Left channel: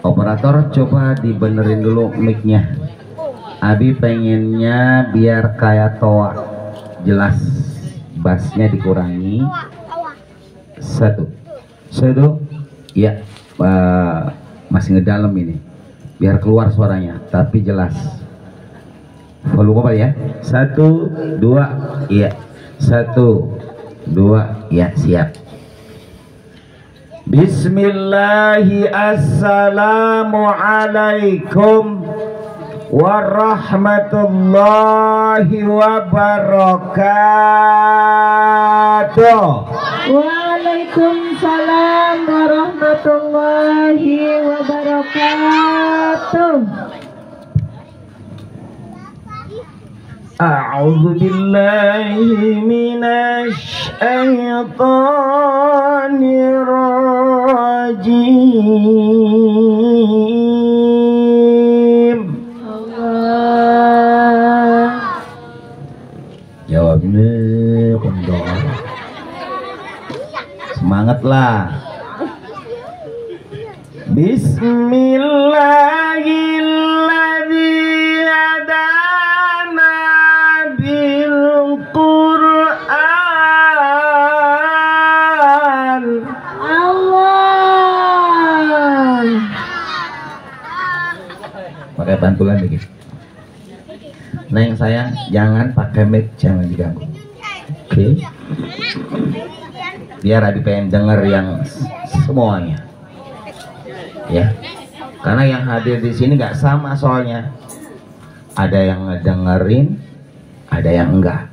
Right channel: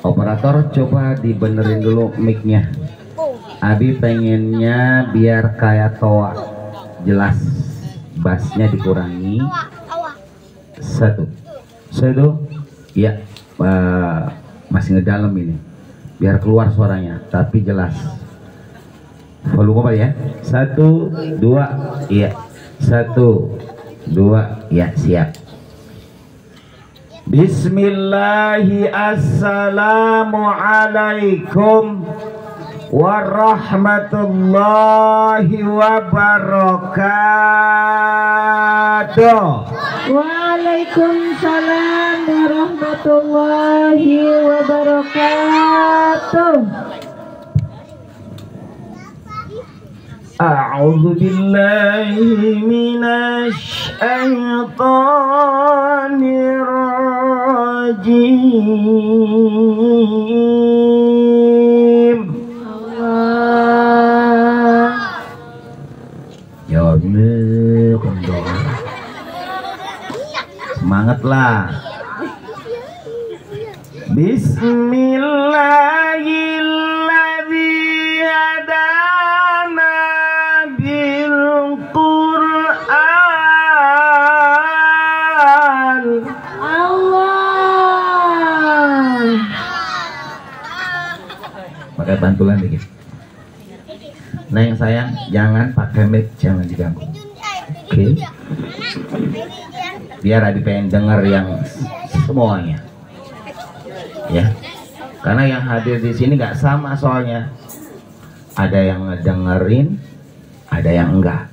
Operator, coba dibenerin dulu mic-nya. Abi pengennya biar kayak toa, jelas, bassnya dikurangi. Satu, ya, masih ngedalam ini, biar keluar suaranya, tapi jelas. Volume apa ya? 1, 2, iya. 1, 2, ya, siap. Bismillahi, assalamualaikum warahmatullahi wabarakatuh. Waalaikumsalam warahmatullahi wabarakatuh. A'udzu billahi minasy syaithanir rajim. Jawabnya kondor. Semangatlah. Bismillahirrahmanirrahim. Pakai bantulan dikit. Nah yang sayang, jangan pakai mic, jangan diganggu. Oke. Biar Abi pengen denger yang semuanya. Ya. Karena yang hadir di sini nggak sama soalnya. Ada yang ngedengerin, ada yang enggak.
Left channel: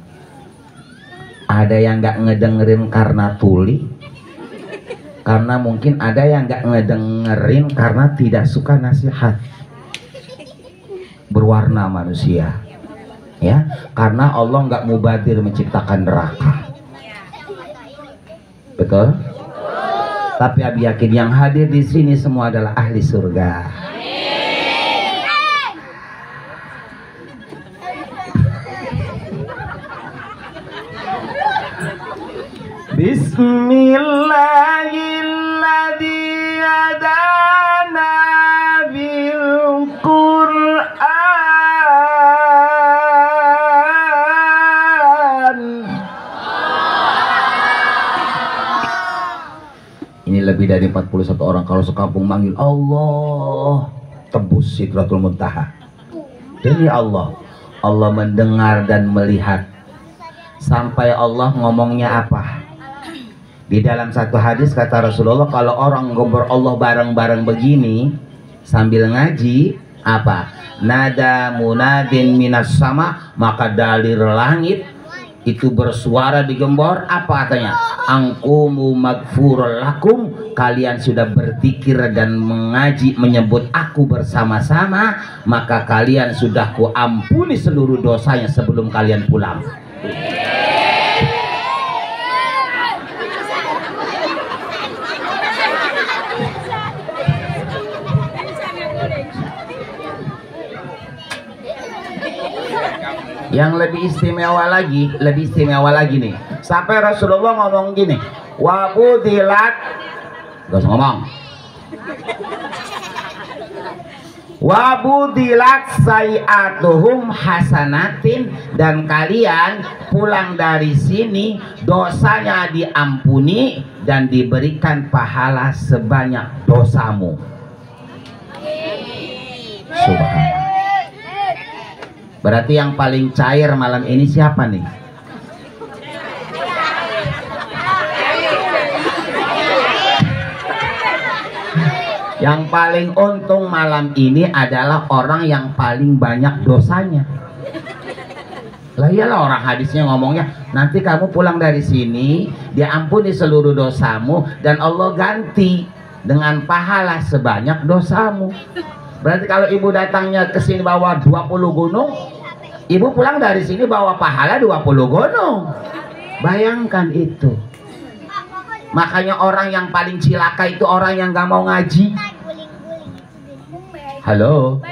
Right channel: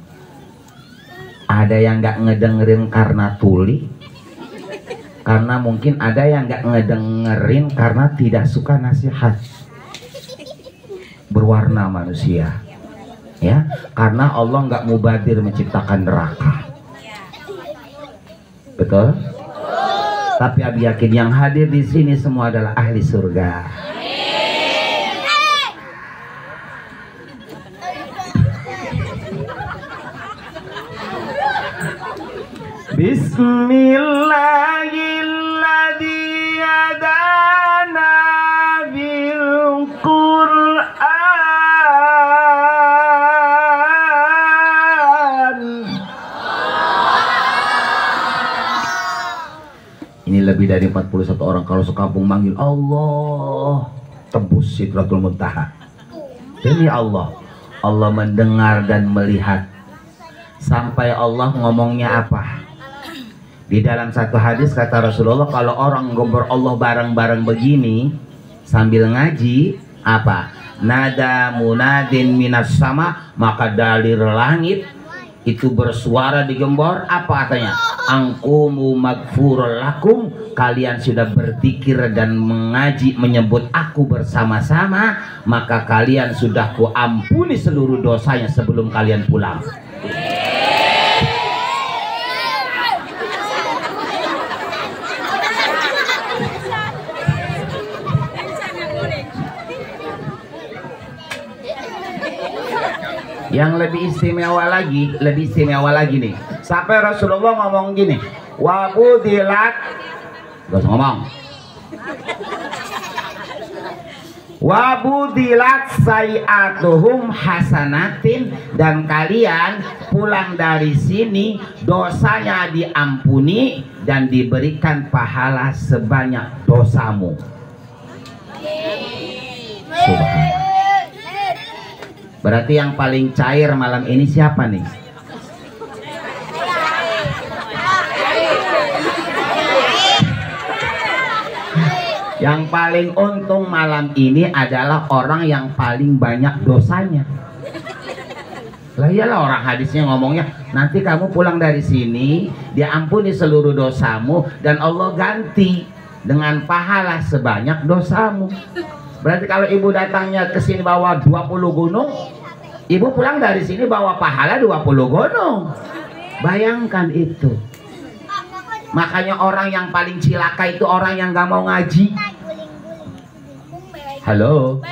Ada yang nggak ngedengerin karena tuli. Karena mungkin ada yang nggak ngedengerin karena tidak suka nasihat. Berwarna manusia, ya, karena Allah nggak mubadir menciptakan neraka, betul? Tapi Abi yakin yang hadir di sini semua adalah ahli surga. Bismillahirrahmanirrahim. Ini lebih dari 41 orang kalau sekampung manggil Allah, tembus Sidratul Muntaha. Demi Allah, Allah mendengar dan melihat. Sampai Allah ngomongnya apa? Di dalam satu hadis kata Rasulullah, kalau orang ngobrol Allah bareng-bareng begini sambil ngaji, apa? Nada munadin minas sama, maka dari langit itu bersuara digembor, apa katanya? Angkumu magfurul lakum, kalian sudah berzikir dan mengaji menyebut aku bersama-sama, maka kalian sudah kuampuni seluruh dosanya sebelum kalian pulang. Yang lebih istimewa lagi nih. Sampai Rasulullah ngomong gini, wabudilat, gak usah ngomong, wabudilat sayiatuhum hasanatin, dan kalian pulang dari sini dosanya diampuni dan diberikan pahala sebanyak dosamu. Subhanallah. Berarti yang paling cair malam ini siapa nih? Yang paling untung malam ini adalah orang yang paling banyak dosanya. Lah iyalah, orang hadisnya ngomongnya, nanti kamu pulang dari sini diampuni seluruh dosamu dan Allah ganti dengan pahala sebanyak dosamu. Berarti kalau ibu datangnya ke sini bawa 20 gunung, ibu pulang dari sini bawa pahala 20 gunung. Bayangkan itu. Makanya orang yang paling cilaka itu orang yang gak mau ngaji. Halo.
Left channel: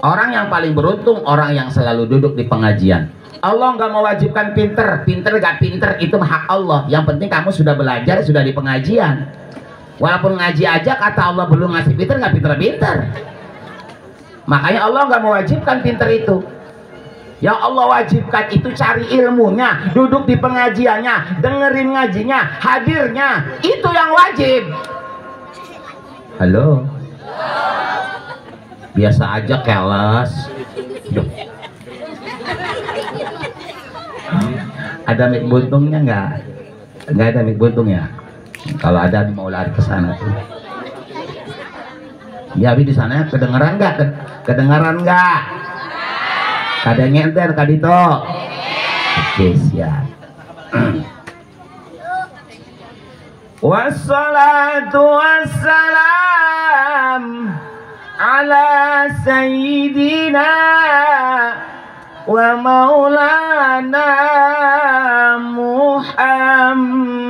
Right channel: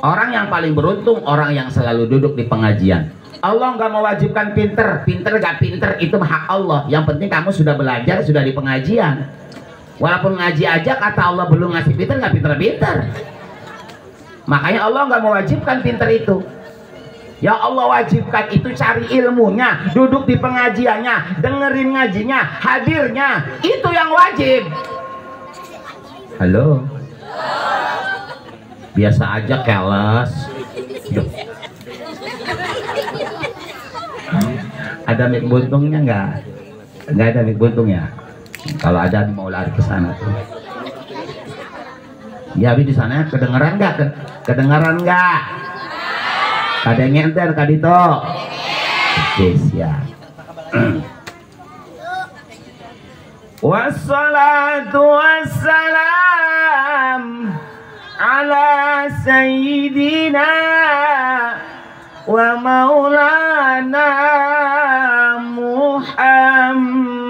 Orang yang paling beruntung orang yang selalu duduk di pengajian. Allah nggak mewajibkan pinter gak pinter itu hak Allah. Yang penting kamu sudah belajar, sudah di pengajian. Walaupun ngaji aja kata Allah belum ngasih pinter, nggak pinter-pinter. Makanya Allah nggak mewajibkan pinter itu. Ya Allah wajibkan itu cari ilmunya, duduk di pengajiannya, dengerin ngajinya, hadirnya, itu yang wajib. Halo. Biasa aja keles. Ada mik buntungnya nggak? Nggak ada mik buntungnya. Kalau ada mau lari ke sana. Ya, di sana kedengaran nggak? Kedengaran nggak? Kadang ngenter kadito. Oke, siap. Wassalatu wassalam ala sayyidina wa maulana Muhammad.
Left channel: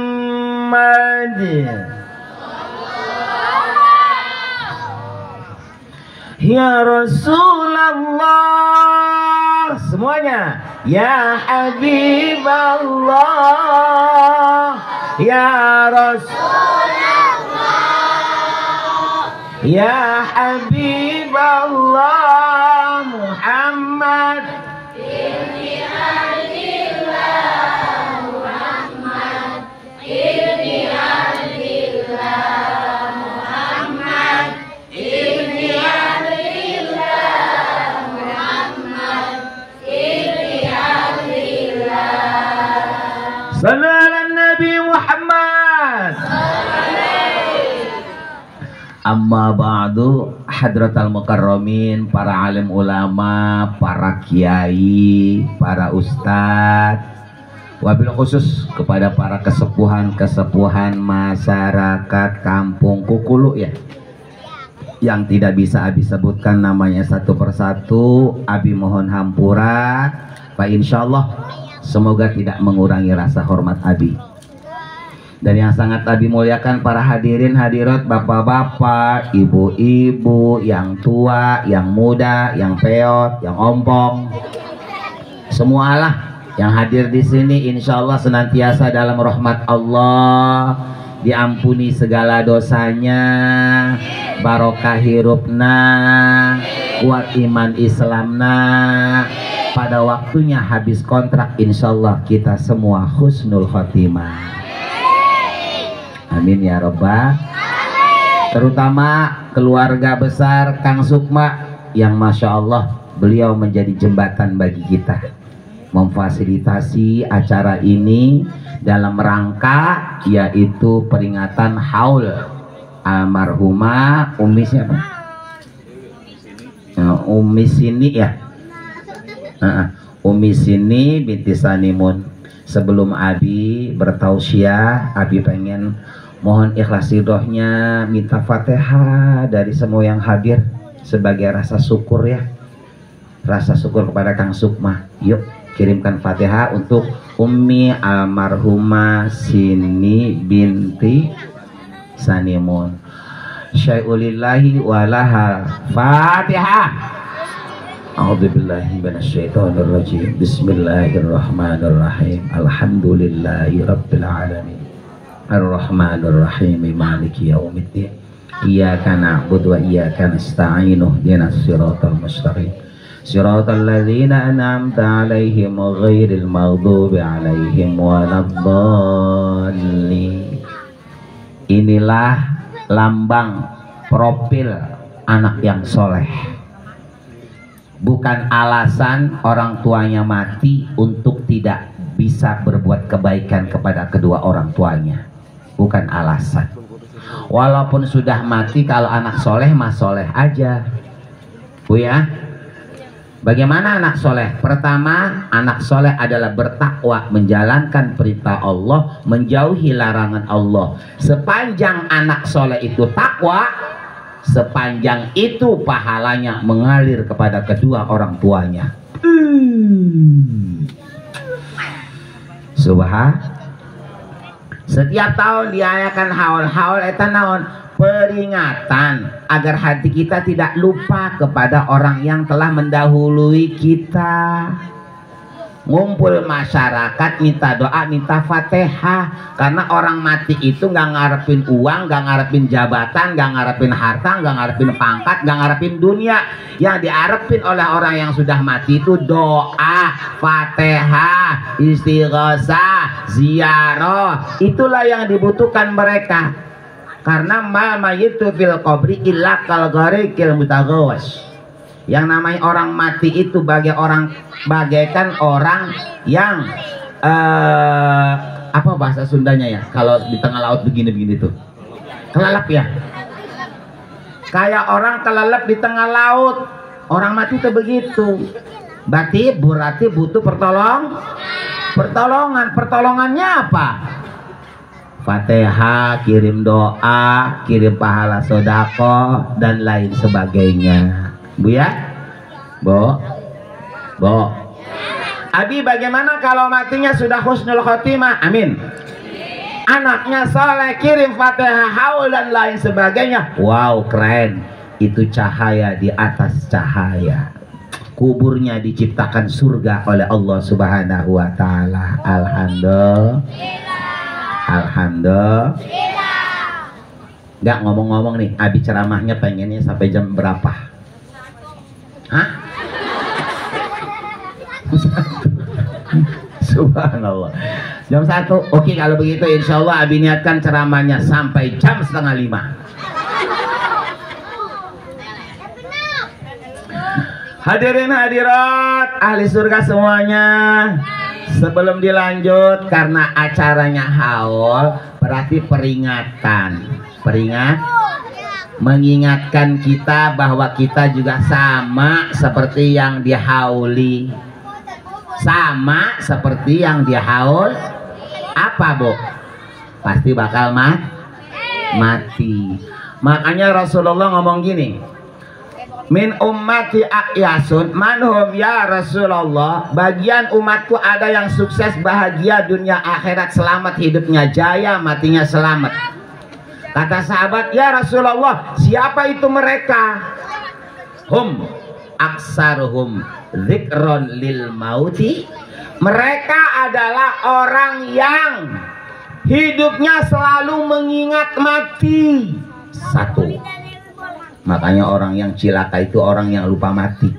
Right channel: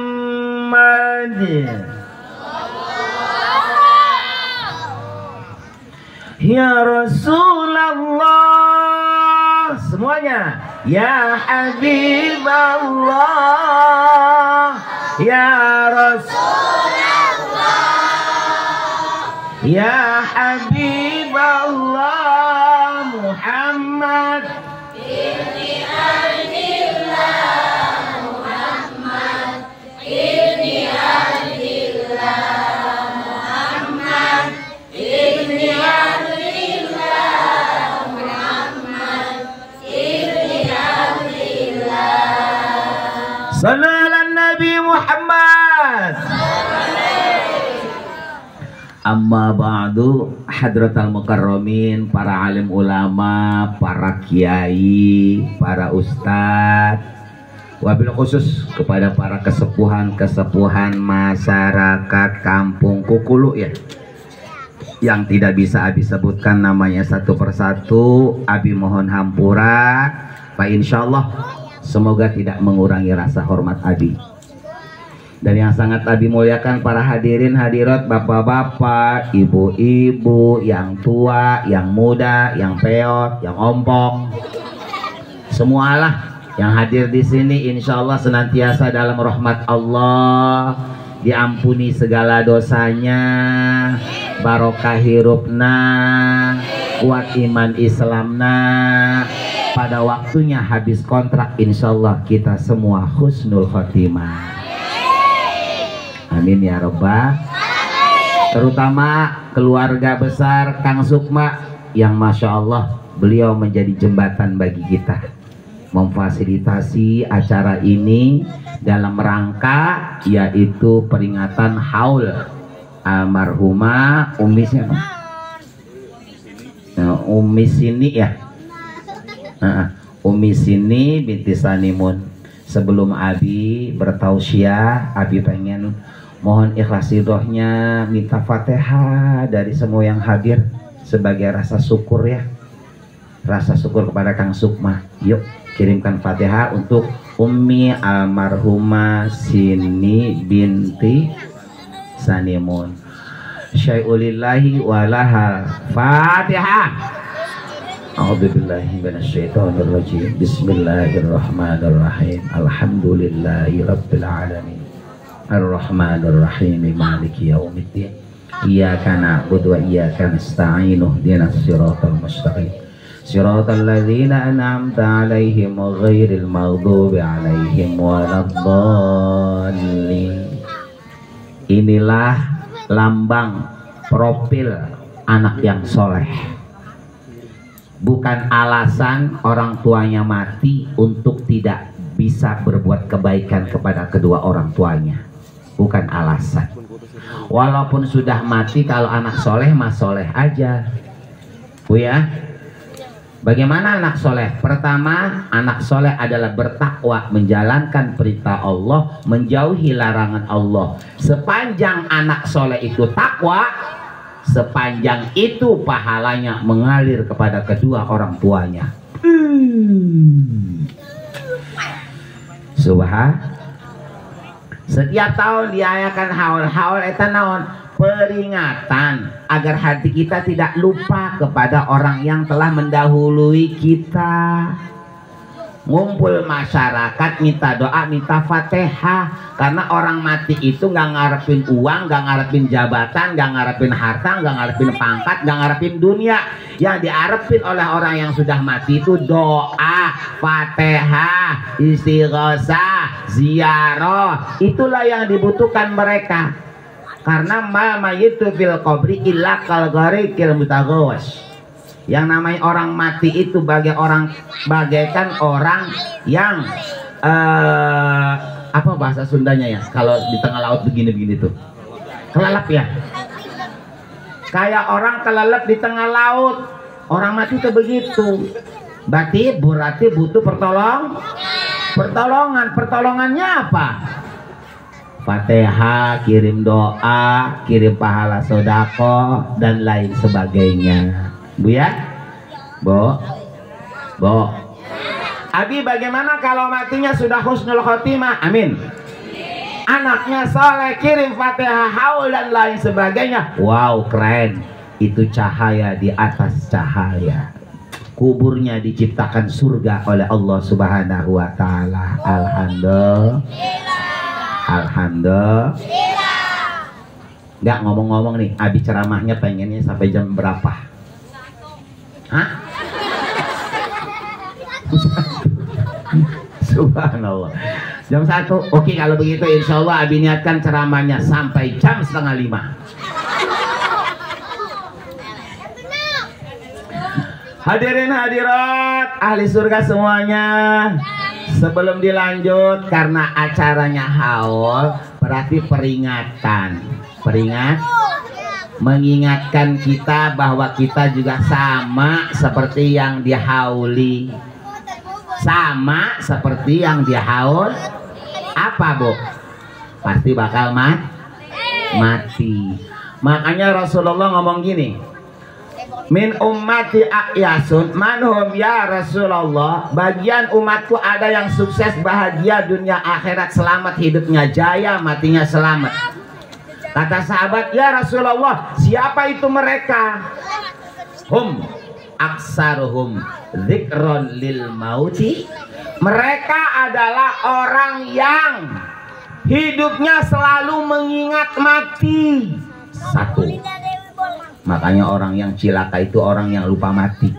Ya Rasulullah, semuanya. Ya Habiballah, ya Rasulullah, ya Habiballah Muhammad. Inni alillah Muhammad, inni alillah Muhammad, inni alillah Muhammad, inni alillah. Sallu ala Nabi Muhammad. Amma ba'du, hadratal mukarramin, para alim ulama, para kiai, para ustadz, wabil khusus kepada para kesepuhan masyarakat kampung Kukulu ya, yang tidak bisa Abi sebutkan namanya satu persatu. Abi mohon hampura, Pak, insyaallah semoga tidak mengurangi rasa hormat Abi. Dan yang sangat Abi muliakan para hadirin hadirat, bapak-bapak, ibu-ibu, yang tua, yang muda, yang peot, yang ompong, semualah yang hadir di sini insya Allah senantiasa dalam rahmat Allah, diampuni segala dosanya, barokah hirupna, kuat iman Islamna. Pada waktunya habis kontrak insya Allah kita semua husnul khotimah. Amin ya Rabbah. Terutama keluarga besar Kang Sukma yang Masya Allah beliau menjadi jembatan bagi kita, memfasilitasi acara ini dalam rangka yaitu peringatan haul almarhumah Umi siapa? Umi Sini ya. Umi Sini binti Sanimun. Sebelum Abi bertausiah, Abi pengen mohon ikhlas ridhonya, minta Fatihah dari semua yang hadir sebagai rasa syukur ya, rasa syukur kepada Kang Sukma. Yuk kirimkan Fatihah untuk Ummi almarhumah Sini binti Sanimun. Syai'ulillahi walahal Fatihah. A'udzubillahi minasyaitonir rajim. Bismillahirrahmanirrahim. Alhamdulillahi rabbil alamin. Ar-Rahmanir Rahim. Maliki yaumiddin. Iyyaka na'budu wa iyyaka nasta'in. Ihdinas siratal mustaqim. Siratal ladzina an'amta 'alaihim ghairil maghdubi 'alaihim waladdallin. Inilah lambang profil anak yang soleh. Bukan alasan orang tuanya mati untuk tidak bisa berbuat kebaikan kepada kedua orang tuanya. Bukan alasan. Walaupun sudah mati, kalau anak soleh mas soleh aja. Bu ya, bagaimana anak soleh? Pertama, anak soleh adalah bertakwa, menjalankan perintah Allah, menjauhi larangan Allah. Sepanjang anak soleh itu takwa, sepanjang itu pahalanya mengalir kepada kedua orang tuanya. Subhan. Setiap tahun diayakan haul eta naon peringatan agar hati kita tidak lupa kepada orang yang telah mendahului kita. Ngumpul masyarakat minta doa, minta Fatihah, karena orang mati itu nggak ngarepin uang, nggak ngarepin jabatan, nggak ngarepin harta, nggak ngarepin pangkat, nggak ngarepin dunia. Yang diarepin oleh orang yang sudah mati itu doa, Fatihah, istighosah, ziarah. Itulah yang dibutuhkan mereka. Karena ma mayitu fil qabri illa kal gharikil mutaghawas. Yang namanya orang mati itu bagaikan orang yang apa bahasa Sundanya ya, kalau di tengah laut begini-begini tuh, kelelep ya, kayak orang kelelep di tengah laut. Orang mati itu begitu. Berarti butuh pertolongannya apa? Fatihah, kirim doa, kirim pahala sodako dan lain sebagainya. Bu ya, Bo. Abi, bagaimana kalau matinya sudah husnul khotimah? Amin. Anaknya soleh, kirim Fatihah, haul dan lain sebagainya. Wow, keren. Itu cahaya di atas cahaya. Kuburnya diciptakan surga oleh Allah Subhanahu wa Ta'ala. Alhamdulillah. Nggak ngomong-ngomong nih, Abi ceramahnya pengennya sampai jam berapa? Hah? Subhanallah. Jam 1. Oke, kalau begitu insya Allah Abi niatkan ceramahnya sampai jam 4:30. Hadirin hadirat ahli surga semuanya, sebelum dilanjut, karena acaranya haul, berarti mengingatkan kita bahwa kita juga sama seperti yang dihauli. Sama seperti yang dihaul. Apa, Bu? Pasti bakal mati. Makanya Rasulullah ngomong gini, min ummati a'yasun manhum ya Rasulullah. Bagian umatku ada yang sukses, bahagia dunia akhirat, selamat hidupnya jaya, matinya selamat. Kata sahabat, ya Rasulullah, siapa itu mereka? Hum aksaruhum dzikron lil mauti. Mereka adalah orang yang hidupnya selalu mengingat mati. Satu. Makanya orang yang cilaka itu orang yang lupa mati.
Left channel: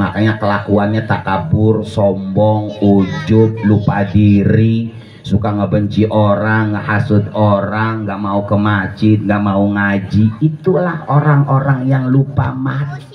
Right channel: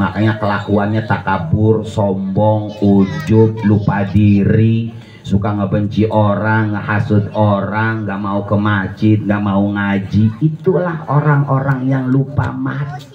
Makanya kelakuannya takabur, sombong, ujub, lupa diri, suka ngebenci orang, ngehasut orang, nggak mau ke masjid, nggak mau ngaji. Itulah orang-orang yang lupa mati.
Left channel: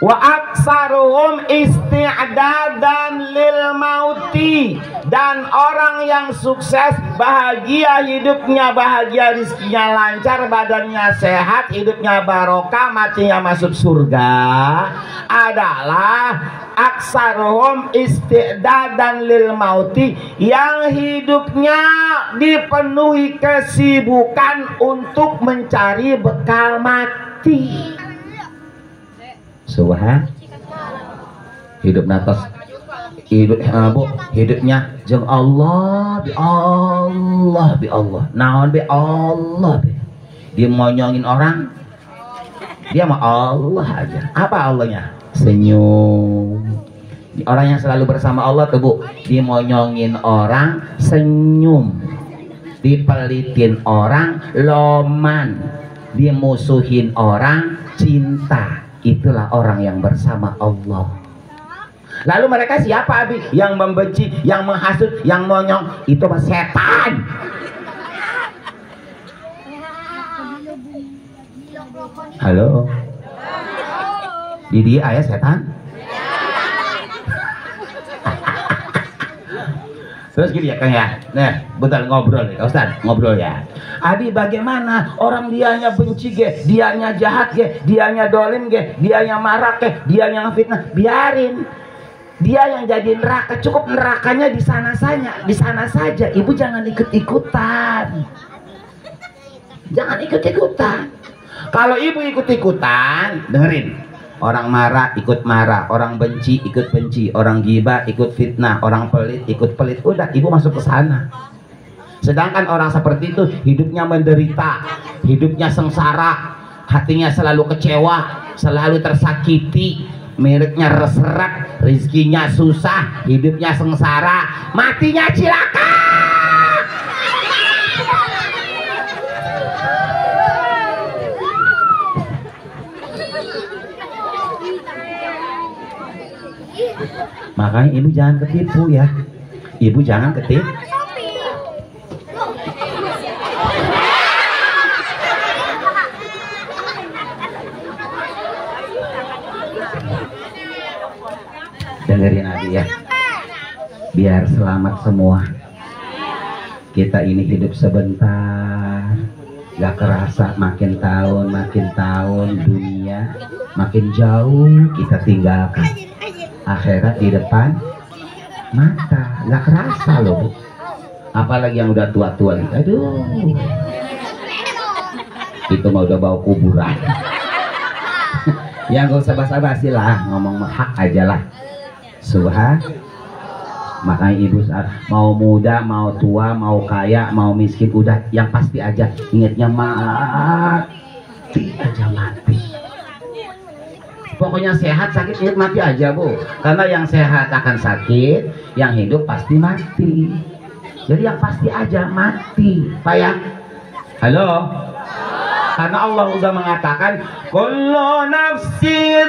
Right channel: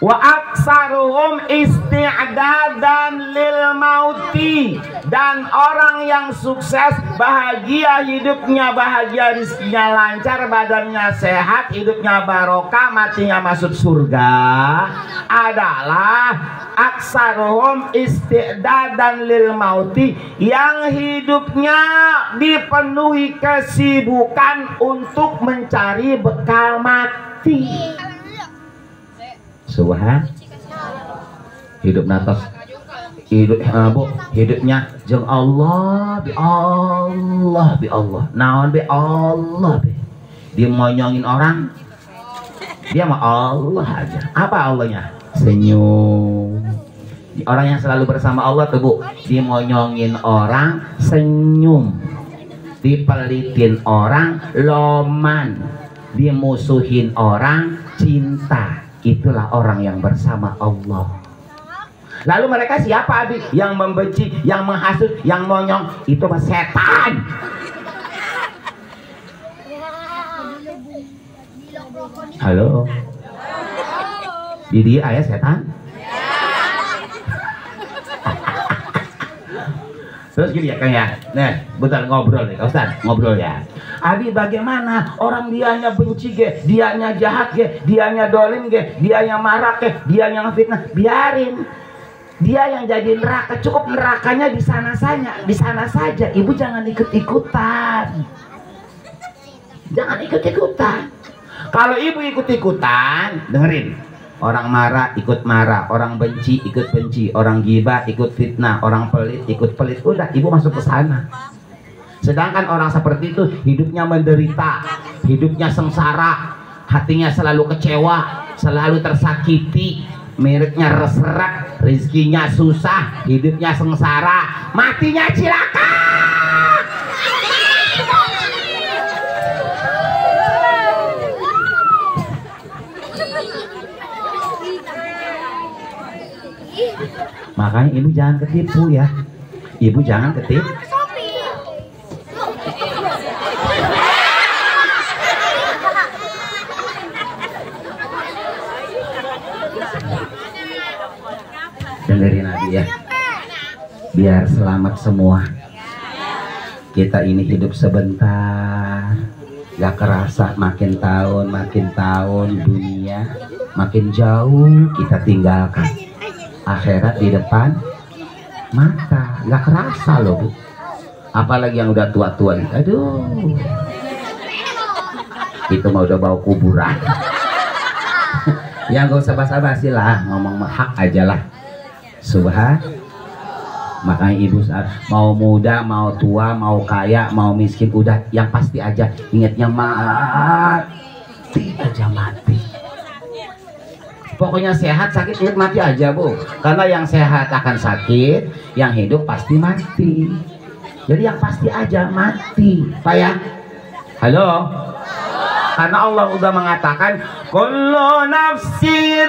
Wa aksaruhum isti'dadan lil mauti. Dan orang yang sukses, bahagia hidupnya, bahagia rizkinya lancar, badannya sehat, hidupnya barokah, matinya masuk surga, adalah aksaruhum isti'dadan lil mauti, yang hidupnya dipenuhi kesibukan untuk mencari bekal mati. Subhan. Hidup natas, hidupnya jeng Allah bi Allah naon bi Allah bi. Dia monyongin orang, dia mah Allah aja. Apa Allahnya? Senyum. Orang yang selalu bersama Allah tuh, Bu, dia monyongin orang, senyum. Dipelitin orang, loman. Dimusuhin orang, cinta. Itulah orang yang bersama Allah. Lalu mereka siapa, Abi? Yang membenci, yang menghasut, yang monyong, itu mah setan. Halo. Di dia ayah setan? Terus gini ya Kang ya. Nah, bentar ngobrol ya, Ustaz, ngobrol ya. Adi, bagaimana orang dianya benci ge, dianya jahat ge, dianya dolim ge, dianya marah ge, dianya fitnah, biarin. Dia yang jadi neraka, cukup nerakanya di sana saja. Ibu jangan ikut-ikutan. Jangan ikut-ikutan. Kalau ibu ikut-ikutan, dengerin. Orang marah ikut marah, orang benci ikut benci, orang gibah ikut fitnah, orang pelit ikut pelit. Udah, ibu masuk ke sana. Sedangkan orang seperti itu hidupnya menderita, hidupnya sengsara, hatinya selalu kecewa, selalu tersakiti, miliknya reserak, rizkinya susah, hidupnya sengsara, matinya cilaka. Makanya ibu jangan ketipu ya. Ibu jangan ketipu. Dengerin Abi ya. Biar selamat semua. Kita ini hidup sebentar. Gak kerasa makin tahun dunia makin jauh kita tinggalkan. Akhirat di depan mata, nggak kerasa loh Bu. Apalagi yang udah tua-tua, aduh, itu mah udah bau kuburan. Yang gak usah basa-basi lah, ngomong hak aja lah. Subhan. Makanya ibu saat mau muda, mau tua, mau kaya, mau miskin, udah yang pasti aja ingatnya mati aja, mati. Pokoknya sehat, sakit, ingat mati aja Bu. Karena yang sehat akan sakit, yang hidup pasti mati. Jadi yang pasti aja mati, Pak ya. Halo? Karena Allah udah mengatakan kullu nafsi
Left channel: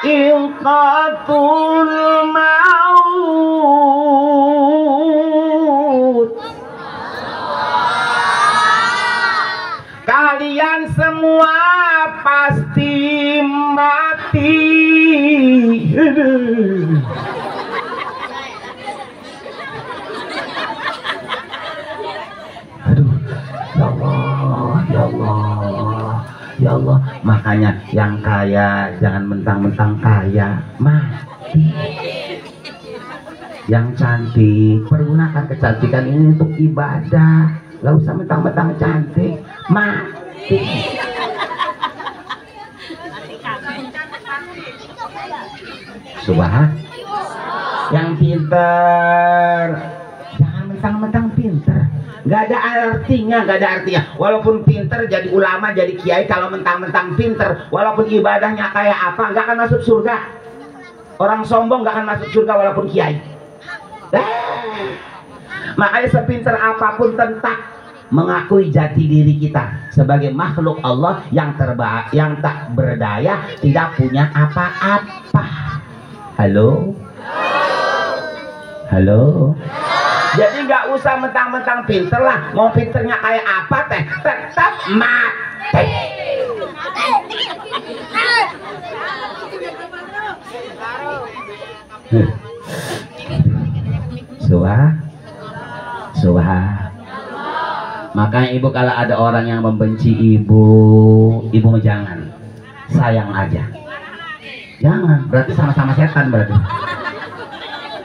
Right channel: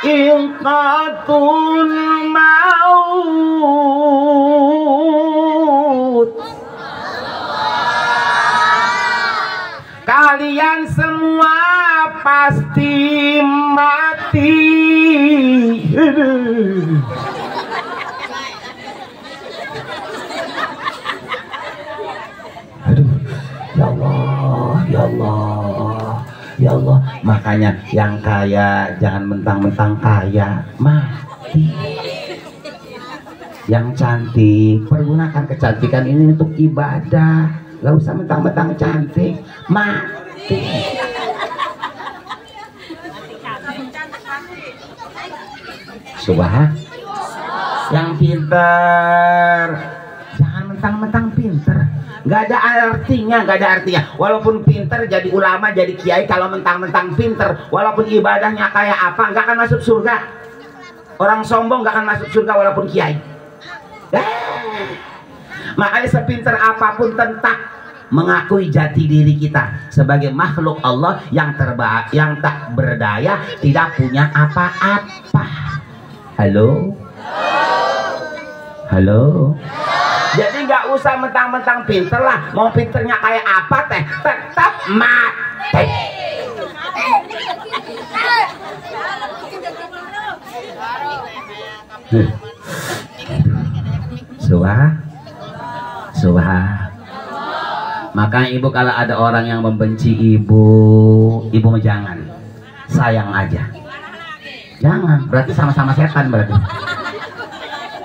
dha'iqatul maut. Kalian semua pasti mati. Aduh, ya Allah, ya Allah, ya Allah. Makanya yang kaya jangan mentang-mentang kaya, mati. Yang cantik, pergunakan kecantikan ini untuk ibadah. Gak usah mentang-mentang cantik, mati. Subhan. Yang pinter jangan mentang-mentang pinter, nggak ada artinya, nggak ada artinya. Walaupun pinter jadi ulama, jadi kiai, kalau mentang-mentang pinter, walaupun ibadahnya kayak apa, nggak akan masuk surga. Orang sombong nggak akan masuk surga walaupun kiai. Makanya sepinter apapun tentang mengakui jati diri kita sebagai makhluk Allah yang yang tak berdaya, tidak punya apa-apa. Halo? Halo? Jadi nggak usah mentang-mentang pinter lah. Mau pinternya kayak apa teh, tetap mati. Subhan. Makanya ibu kalau ada orang yang membenci ibu jangan, sayang aja. Jangan, berarti sama-sama setan berarti.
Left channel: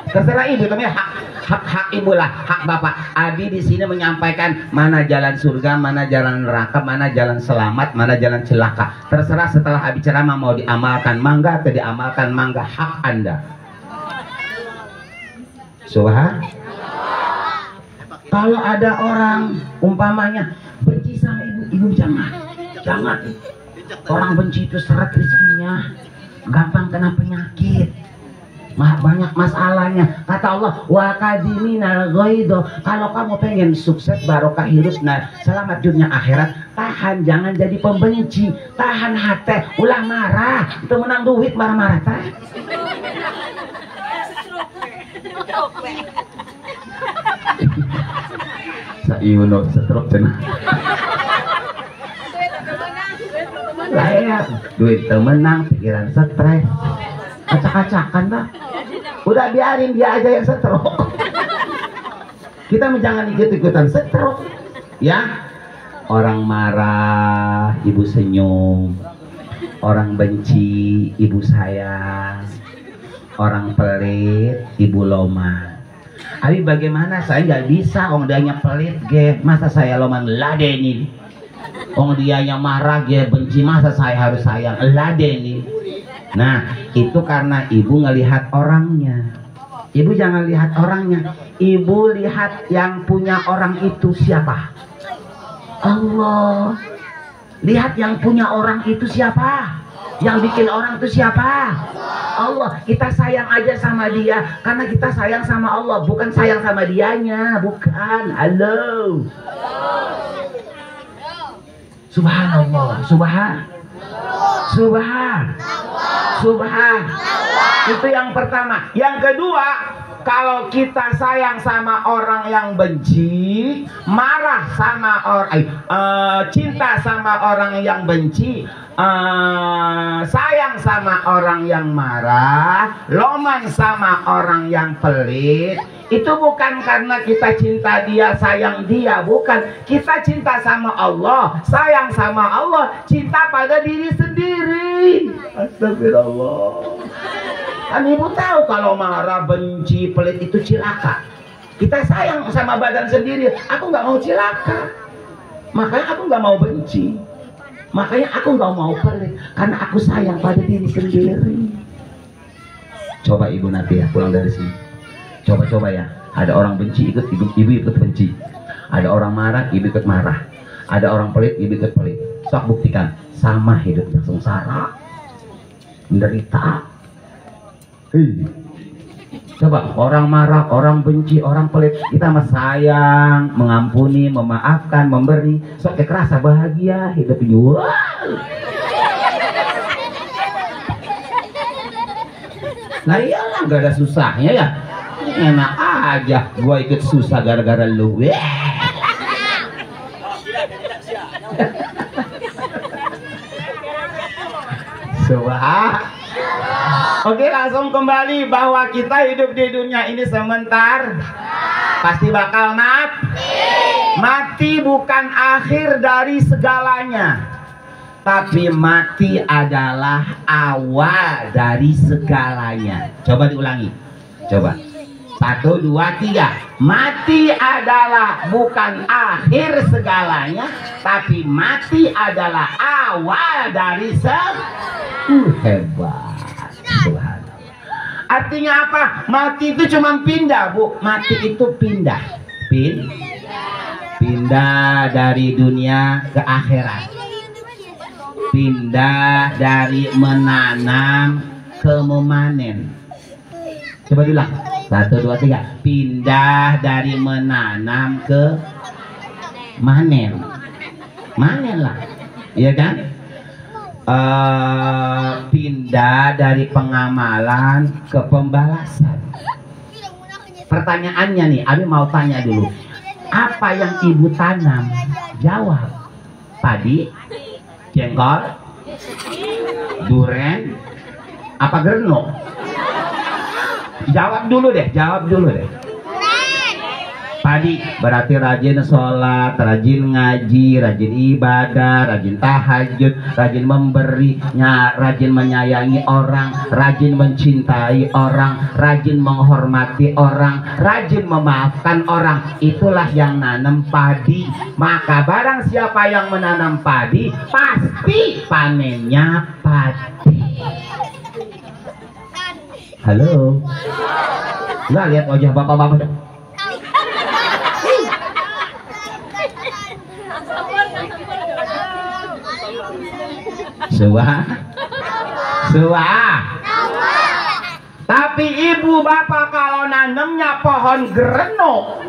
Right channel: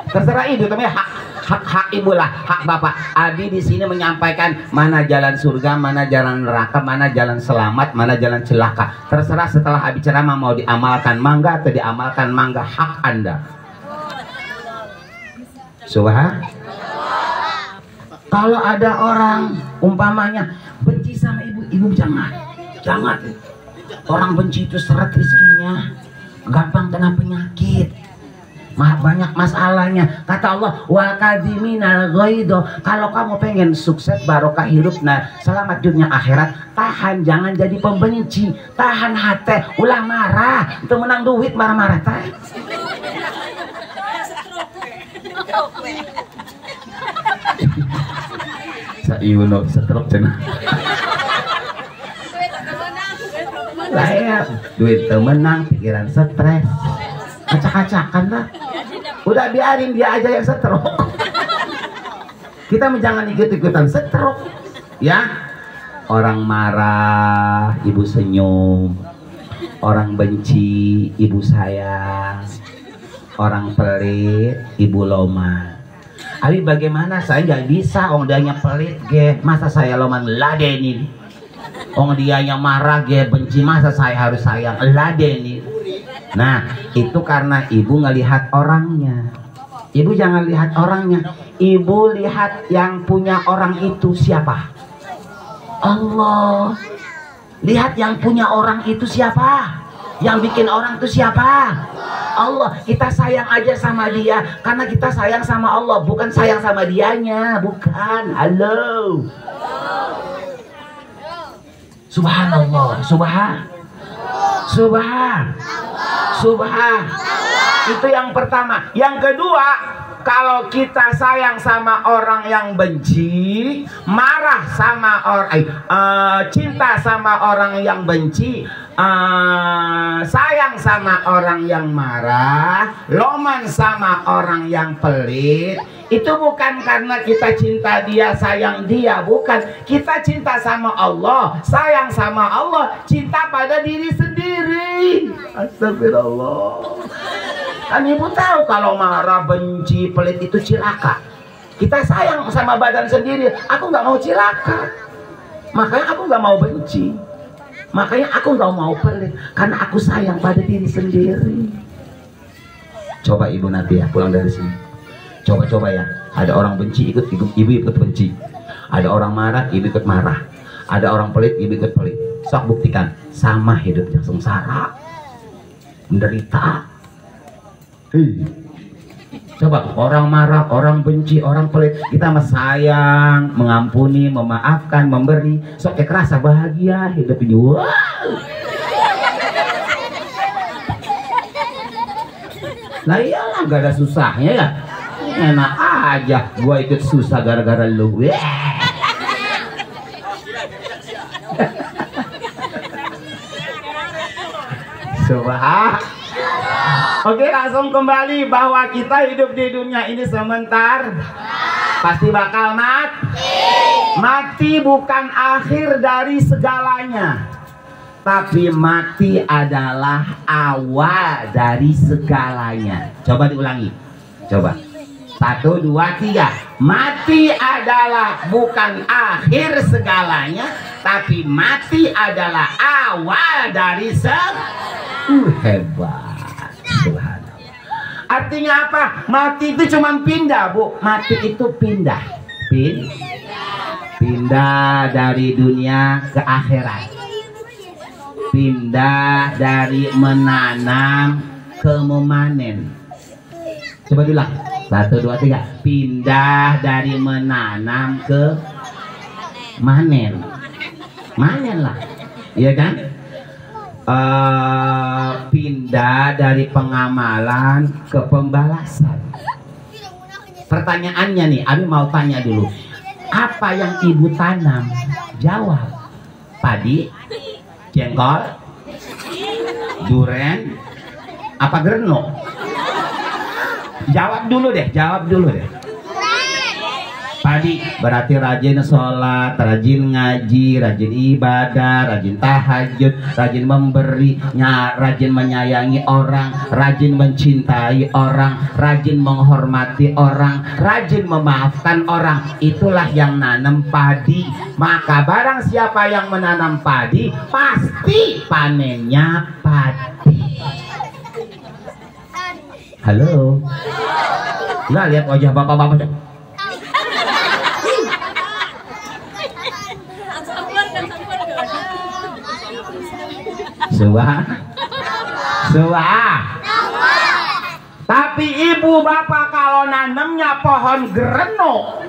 Terserah ibu, tapi hak ibu lah, hak bapak. Abi di sini menyampaikan mana jalan surga, mana jalan neraka, mana jalan selamat, mana jalan celaka. Terserah setelah Abi ceramah mau diamalkan mangga atau diamalkan mangga, hak Anda. Subhan. Kalau ada orang umpamanya benci sama ibu jangan. Orang benci itu seret rezekinya, gampang kena penyakit, banyak masalahnya. Kata Allah, wa kadhiminal ghaido. Kalau kamu pengen sukses, barokah hidupnya, selamat dunia akhirat, tahan, jangan jadi pembenci, tahan hati, ulah marah, itu menang duit marah-marah teh. Sayuno setruk cenah. Lah duit menang, pikiran stres, acak-acakan lah. Udah biarin dia aja yang stroke. Kita jangan ikut-ikutan stroke, ya. Orang marah, ibu senyum. Orang benci, ibu sayang. Orang pelit, ibu loma. Abi bagaimana? Saya nggak bisa, orang dianya pelit, ge. Masa saya loma ngeladenin? Dia yang marah dia benci, masa saya harus sayang? Lah Deni. Nah itu karena ibu ngelihat orangnya. Ibu jangan lihat orangnya, ibu lihat yang punya orang itu siapa? Allah. Lihat yang punya orang itu siapa? Yang bikin orang itu siapa? Allah. Kita sayang aja sama dia karena kita sayang sama Allah, bukan sayang sama dianya, bukan. Halo. Subhanallah, subhan. Itu yang pertama. Yang kedua, kalau kita sayang sama orang yang benci, marah sama orang, cinta sama orang yang benci, sayang sama orang yang marah, loman sama orang yang pelit, itu bukan karena kita cinta dia, sayang dia, bukan. Kita cinta sama Allah, sayang sama Allah, cinta pada diri sendiri. Astagfirullah. Kan ibu tahu kalau marah, benci, pelit itu cilaka. Kita sayang sama badan sendiri, aku nggak mau cilaka, makanya aku nggak mau benci, makanya aku nggak mau pelit, karena aku sayang pada diri sendiri. Coba ibu nanti ya pulang dari sini, coba ya, ada orang benci ikut ibu ikut benci, ada orang marah ibu ikut marah, ada orang pelit ibu ikut pelit. Sok buktikan, sama hidupnya, sengsara, menderita. Coba orang marah, orang benci, orang pelit, kita mah sayang, mengampuni, memaafkan, memberi, sok kayak kerasa bahagia hidup ini. Wow. Nah iyalah, gak ada susahnya ya, enak aja gua ikut susah gara-gara lu. Subhan. Oke, langsung kembali bahwa kita hidup di dunia ini sebentar, pasti bakal mati. Mati bukan akhir dari segalanya, tapi mati adalah awal dari segalanya. Coba diulangi, coba 1, 2, 3. Mati adalah bukan akhir segalanya, tapi mati adalah awal dari hebat. Subhanallah. Artinya apa? Mati itu cuma pindah, Bu. Mati itu pindah. Pindah dari dunia ke akhirat. Pindah dari menanam ke memanen. Coba diulang. 1, 2, 3. Pindah dari menanam ke manen. Manen lah. Iya kan? Pindah dari pengamalan ke pembalasan. Pertanyaannya nih, Abi mau tanya dulu, apa yang ibu tanam? Jawab. Padi, jengkol, duren, apa gerno? Jawab dulu deh. Padi berarti rajin sholat, rajin ngaji, rajin ibadah, rajin tahajud, rajin memberi, rajin menyayangi orang, rajin mencintai orang, rajin menghormati orang, rajin memaafkan orang. Itulah yang nanam padi. Maka barang siapa yang menanam padi, pasti panennya padi. Halo, nggak lihat wajah bapak-bapak? Suah. Tapi ibu bapak kalau nanemnya pohon gereno,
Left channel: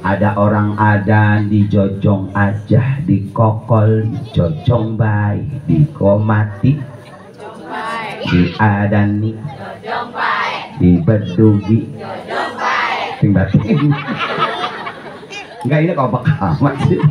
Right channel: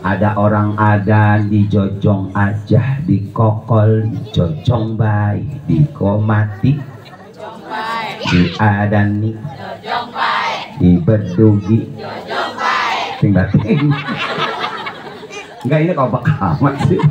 ada orang adan di jojong aja, di kokol, di jojong bayi, di komati, di adani, di bedugi, ting-ting. Enggak, ini kok amat sih.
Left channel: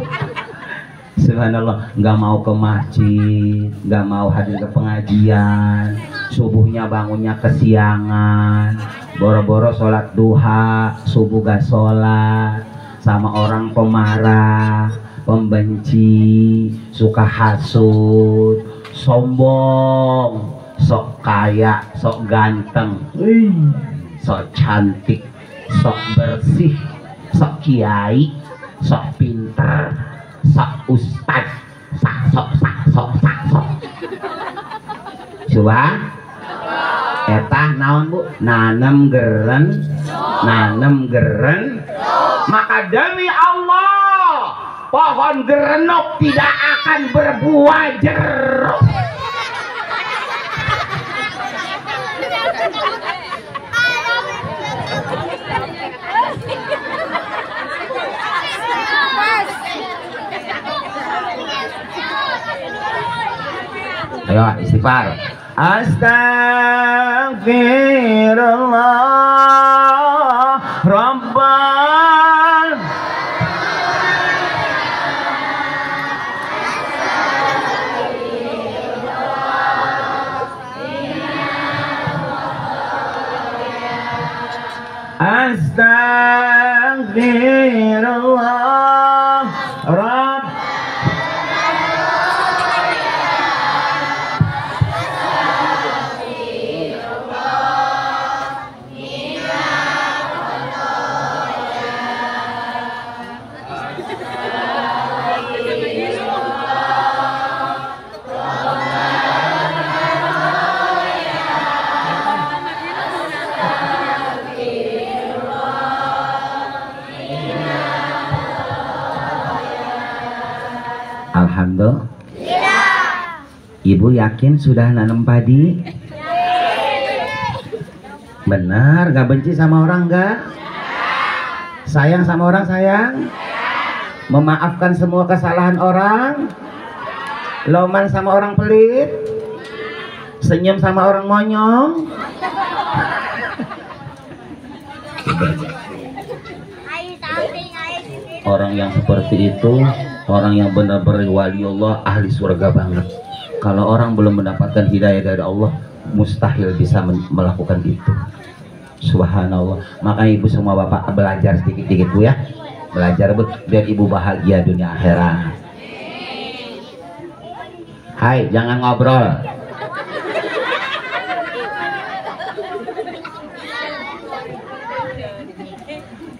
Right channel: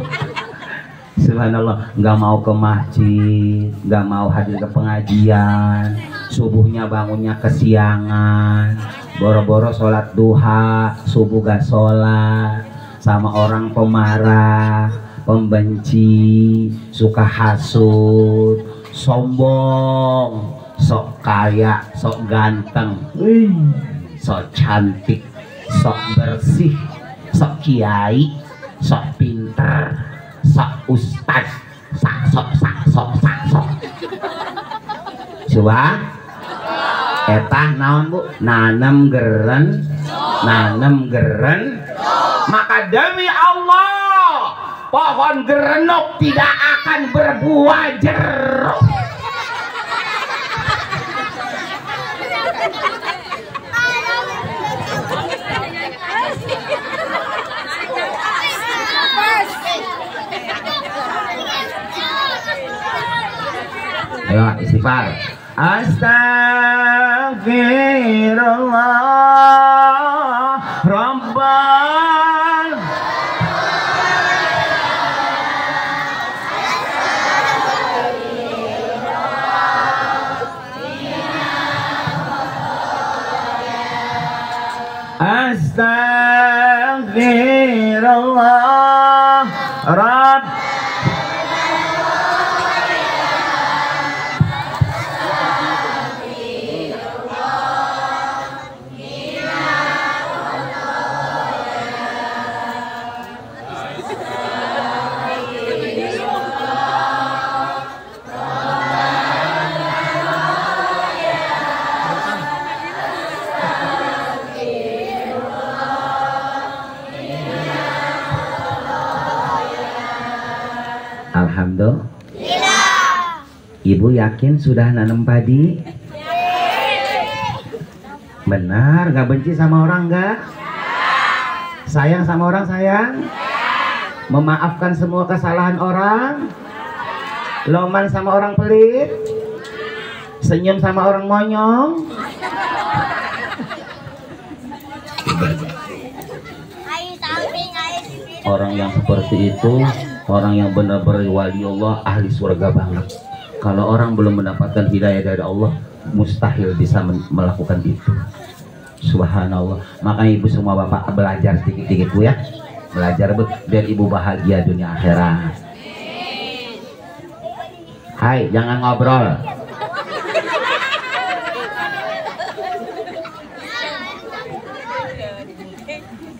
Subhanallah, nggak mau ke masjid, nggak mau hadir ke pengajian, subuhnya bangunnya kesiangan, boro-boro sholat duha, subuh gak sholat, sama orang pemarah, pembenci, suka hasut, sombong, sok kaya, sok ganteng, sok cantik, sok bersih, sok kiai, sok pinter, sok ustad, sok. Coba etah naon Bu? Nanem geren. Maka demi Allah pohon gerenuk tidak akan berbuah jeruk. Ayo istighfar. Astagfirullah Rabbal Astagfirullah Rabb. Alhamdulillah. Ibu yakin sudah nanam padi? Benar, gak benci sama orang gak? Sayang sama orang sayang? Memaafkan semua kesalahan orang? Loman sama orang pelit? Senyum sama orang monyong? Orang yang seperti itu orang yang benar-benar wali Allah, ahli surga banget. Kalau orang belum mendapatkan hidayah dari Allah, mustahil bisa melakukan itu. Subhanallah. Maka ibu semua bapak belajar sedikit-sedikit Bu ya. Belajar Bu, biar ibu bahagia dunia akhirat. Hai, jangan ngobrol.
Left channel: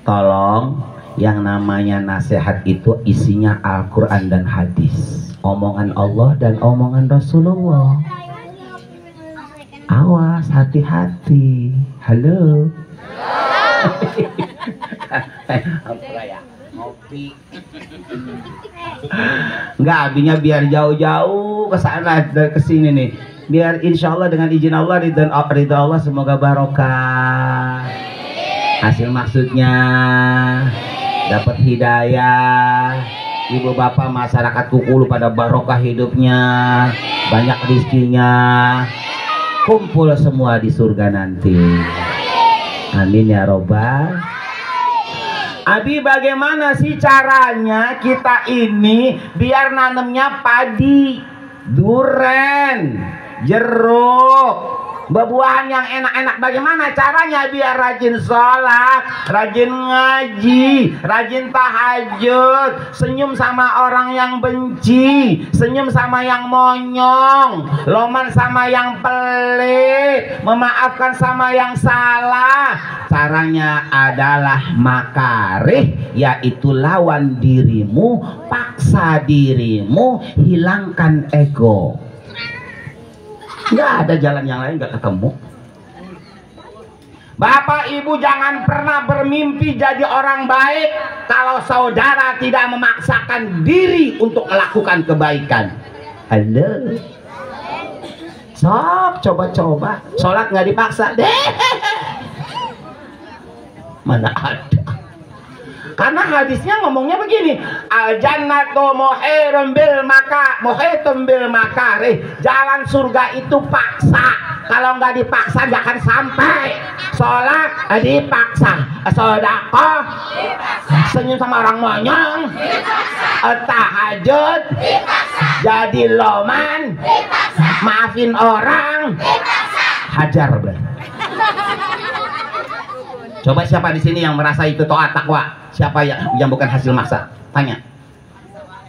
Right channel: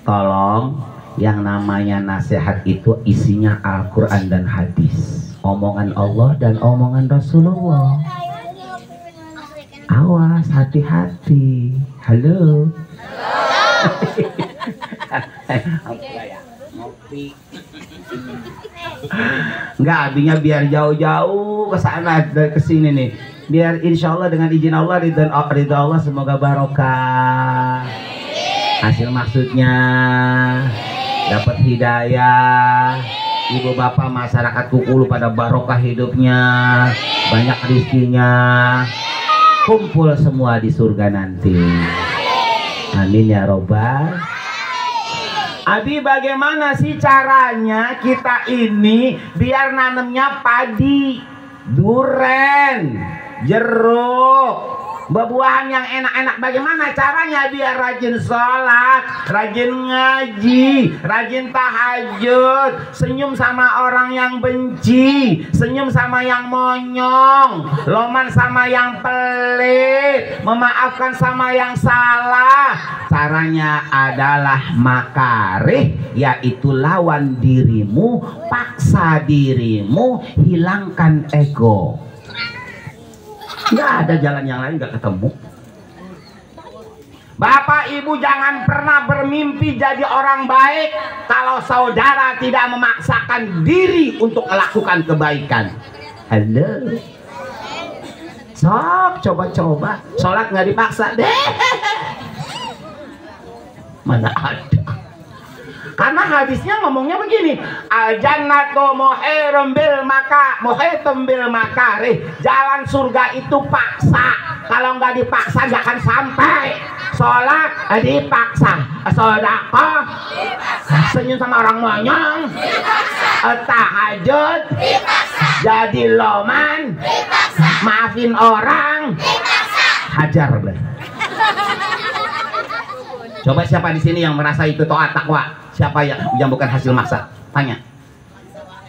Tolong, yang namanya nasihat itu isinya Al-Quran dan hadis, omongan Allah dan omongan Rasulullah. Awas, hati-hati. Halo. Ngopi. Enggak, abinya biar jauh-jauh ke sana ke sini nih. Biar insya Allah dengan izin Allah, ridha Allah semoga barokah. Hasil maksudnya dapat hidayah, ibu bapak masyarakat Kukulu pada barokah hidupnya, banyak rezekinya, kumpul semua di surga nanti. Amin ya robbal. Abi, bagaimana sih caranya kita ini biar nanemnya padi, duren, jeruk, buah-buahan yang enak-enak? Bagaimana caranya biar rajin sholat, rajin ngaji, rajin tahajud, senyum sama orang yang benci, senyum sama yang monyong, loman sama yang pelit, memaafkan sama yang salah. Caranya adalah makarih, yaitu lawan dirimu, paksa dirimu, hilangkan ego. Nggak ada jalan yang lain, nggak ketemu. Bapak ibu jangan pernah bermimpi jadi orang baik kalau saudara tidak memaksakan diri untuk melakukan kebaikan. Halo, sok coba-coba sholat nggak dipaksa deh. Mana ada? Karena hadisnya ngomongnya begini, al jannatu muhirum bil makarih. Jalan surga itu paksa. Kalau nggak dipaksa nggak akan sampai. Sholat dipaksa, sedekah dipaksa, senyum sama orang monyong dipaksa, tahajud dipaksa, jadi loman dipaksa, maafin orang dipaksa, hajar bel. Coba siapa di sini yang merasa itu taat takwa? Siapa yang bukan hasil maksa? Tanya.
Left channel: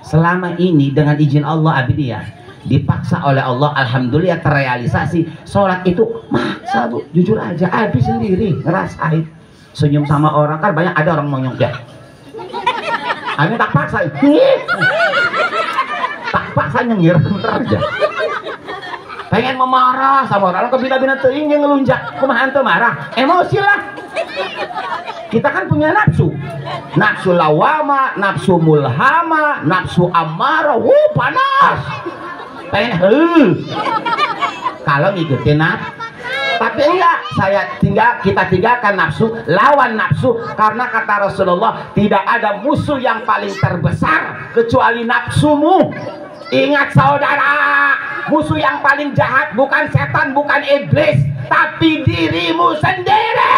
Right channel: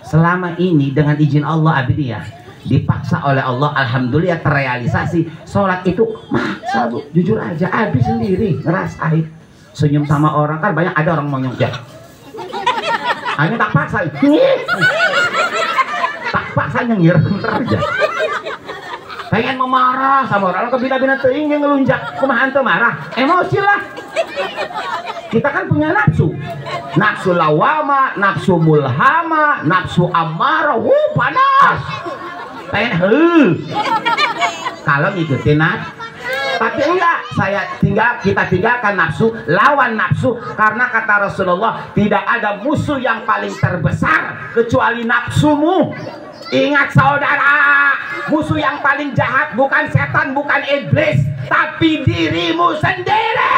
Selama ini dengan izin Allah abdi ya, dipaksa oleh Allah, alhamdulillah terrealisasi. Sholat itu maksa Bu, jujur aja abdi sendiri ngerasain. Senyum sama orang kan banyak, ada orang monyong ya. Abi tak paksa. terpaksa nyengir bentar aja. Pengen memarah sama orang kebina-bina teuing yang ngelunjak kumaha teu marah, emosi lah. Kita kan punya nafsu, nafsu lawama, nafsu mulhama, nafsu amarah, panas. Pengen kalau ngikutin tapi enggak, kita tinggalkan nafsu, lawan nafsu, karena kata Rasulullah tidak ada musuh yang paling terbesar kecuali nafsumu. Ingat saudara, musuh yang paling jahat bukan setan, bukan iblis, tapi dirimu sendiri.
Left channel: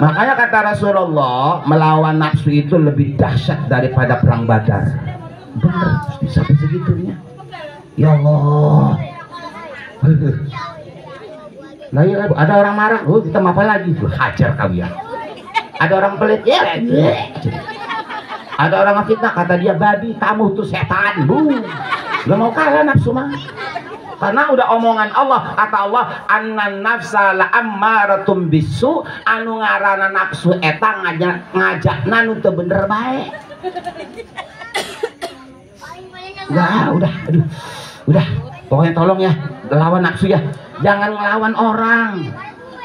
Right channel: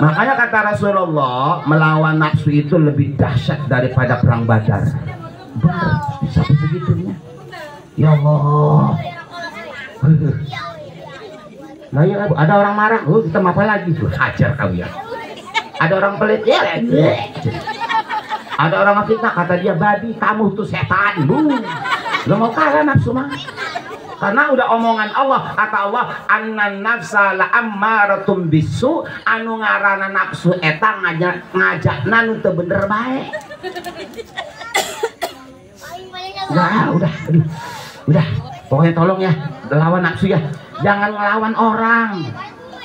Makanya kata Rasulullah, melawan nafsu itu lebih dahsyat daripada perang Badar. Bener, bisa segitunya. Ya Allah. Nah ya, ada orang marah, kita mau apa lagi? Hajar kalian. Ada orang pelit, ya. Ada orang fitnah, kata dia babi, kamu tuh setan. Gak mau kalah nafsu mah. Karena udah omongan Allah, kata Allah, annan nafsa la ammaratum bisu, anu ngaranna nafsu eta ngajakna nu teu bener bae. Udah, udah, pokoknya tolong ya, lawan nafsu ya, jangan ngelawan orang.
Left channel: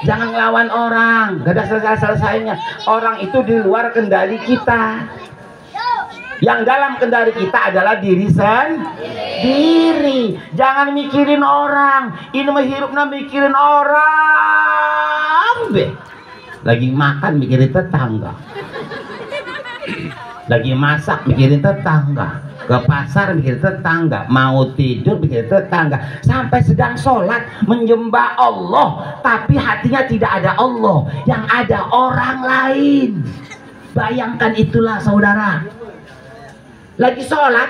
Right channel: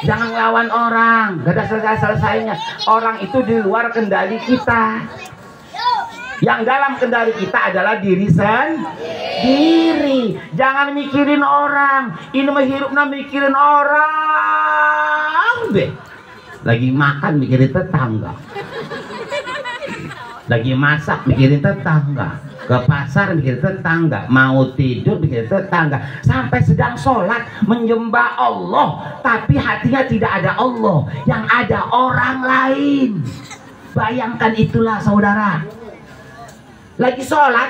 Jangan ngelawan orang, gak ada selesai-selesainya. Orang itu di luar kendali kita. Yang dalam kendali kita adalah diri sendiri. Jangan mikirin orang. Ini mah hirupna mikirin orang deh. Lagi makan mikirin tetangga, lagi masak mikirin tetangga, ke pasar mikirin tetangga, mau tidur mikirin tetangga, sampai sedang sholat menyembah Allah tapi hatinya tidak ada Allah, yang ada orang lain. Bayangkan itulah saudara. Lagi sholat,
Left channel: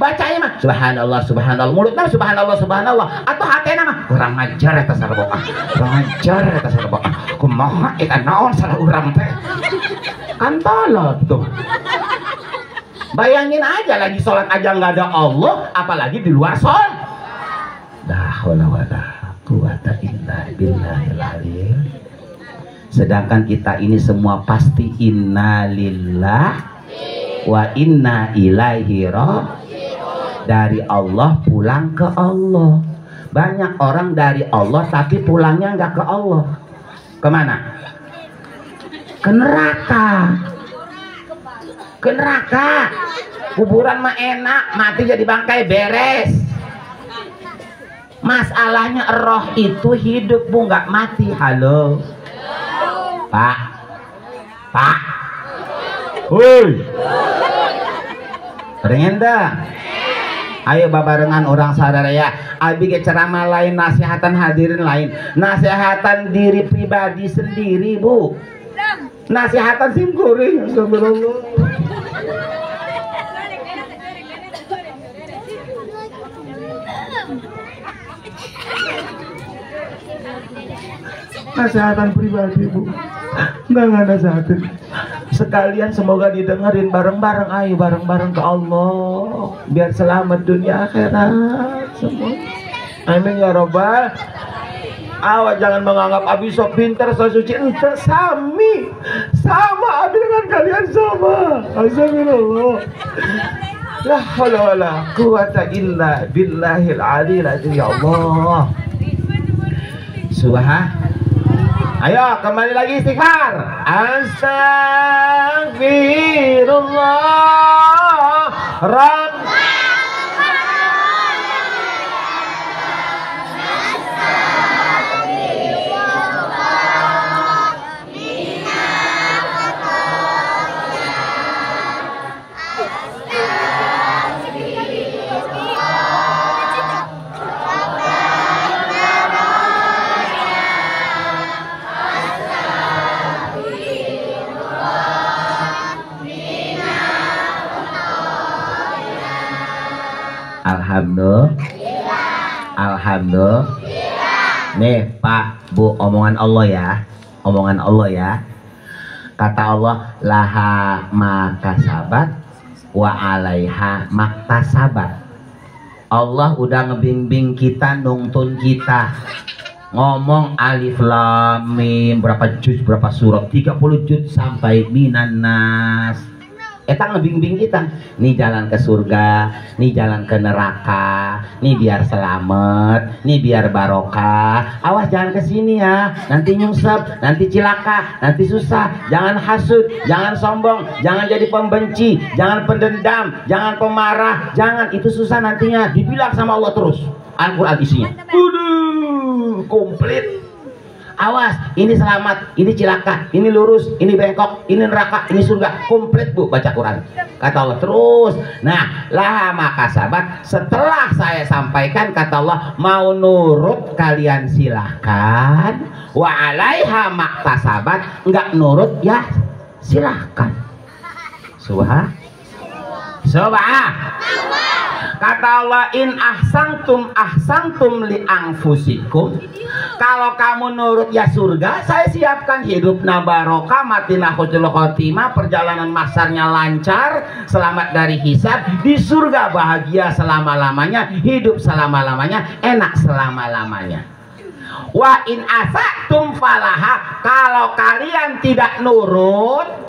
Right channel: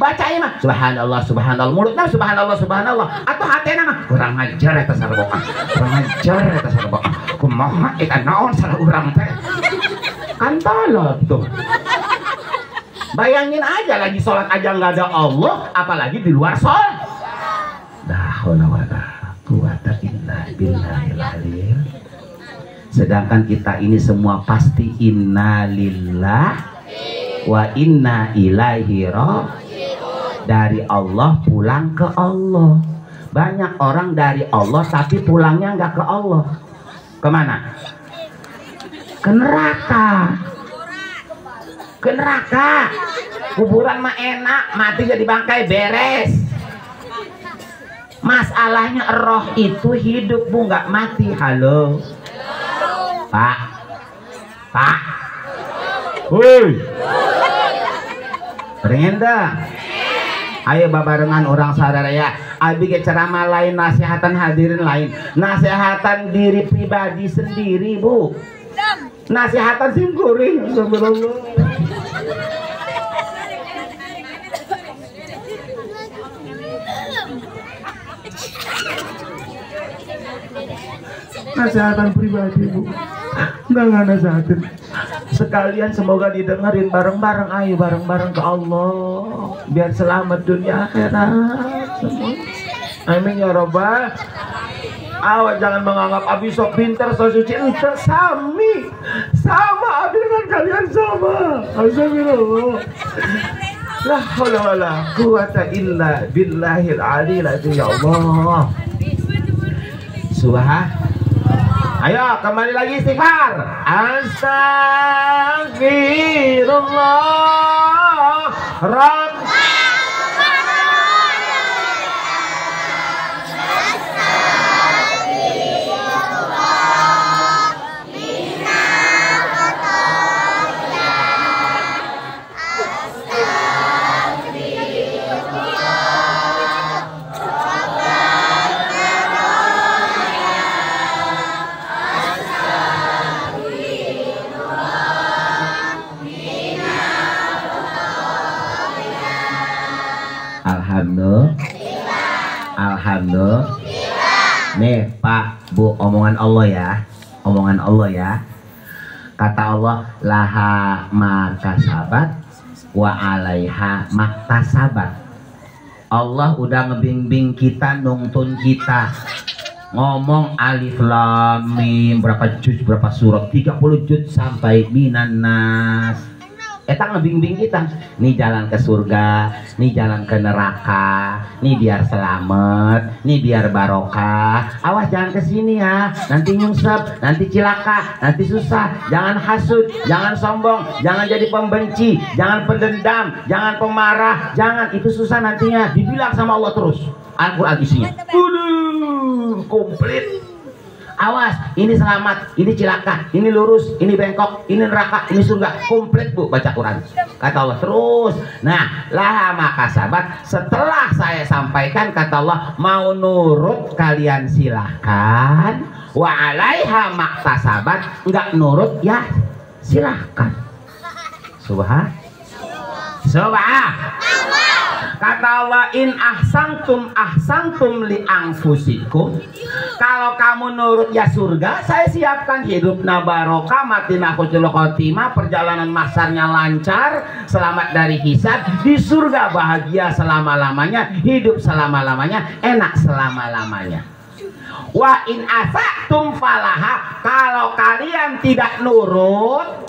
bacanya mah subhanallah, subhanallah, mulutnya subhanallah, subhanallah, atau hatena mah kurang ajar eta sarboga, kurang ajar eta sarboga, kumaha eta naon salah urang teh, kan tolot tuh. Bayangin aja lagi sholat aja nggak ada Allah, apalagi di luar sholat. La haula wala quwata illa billahil aliyil. Sedangkan kita ini semua pasti innalillah wa inna ilaihi raji'un, dari Allah pulang ke Allah. Banyak orang dari Allah tapi pulangnya nggak ke Allah. Kemana? Ke neraka. Ke neraka. Kuburan mah enak, mati jadi bangkai beres. Masalahnya roh itu hidup bu, nggak mati. Halo Pak, Pak, woi, pengen dah. Ayo babarengan orang sadar ya. Abi ke ceramah lain, nasihatan hadirin lain, nasihatan diri pribadi sendiri bu. Nasihatan simkuring. Nasihatan pribadi bu, nggak nasehatin. Sekalian semoga didengerin bareng-bareng. Ayo bareng-bareng ke Allah biar selamat dunia akhirat semua. Amin ya robbal. Awak jangan menganggap abi sok pintar, sok suci. Ente sami, sama abi dengan kalian sama. Astagfirullah. La haula wala quwata illa billahil aliyil azim. Ya Allah. Ayo kembali lagi istighfar. Astagfirullah Rabb. Alhamdulillah. Nih Pak Bu, omongan Allah ya, omongan Allah ya. Kata Allah, laha makasabat wa alaiha maktasabat. Allah udah ngebimbing kita, nuntun kita. ngomong alif lam mim berapa juz berapa surat 30 juz sampai minan nas. Eta ngebimbing kita, nih jalan ke surga, nih jalan ke neraka, nih biar selamat, nih biar barokah. Awas jangan ke sini ya, nanti nyungsep, nanti cilaka, nanti susah. Jangan hasud, jangan sombong, jangan jadi pembenci, jangan pendendam, jangan pemarah, jangan, itu susah nantinya. Dibilang sama Allah terus. Al-Quran isinya. Komplit. Awas, ini selamat, ini cilaka, ini lurus, ini bengkok, ini neraka, ini surga. Komplit bu, baca Quran. Kata Allah terus. Nah, lah maka sahabat, setelah saya sampaikan kata Allah, mau nurut kalian silahkan. Wa alaiha maktasabat, enggak nurut ya silahkan. Subhan. Kata Allah, in ahsantum li anfusikum. Kalau kamu nurut ya surga, saya siapkan hidup barokah, mati husnul khotimah, perjalanan mahsyarnya lancar, selamat dari hisab, di surga bahagia selama-lamanya, hidup selama-lamanya, enak selama-lamanya. Wa in asatum falaha, kalau kalian tidak nurut,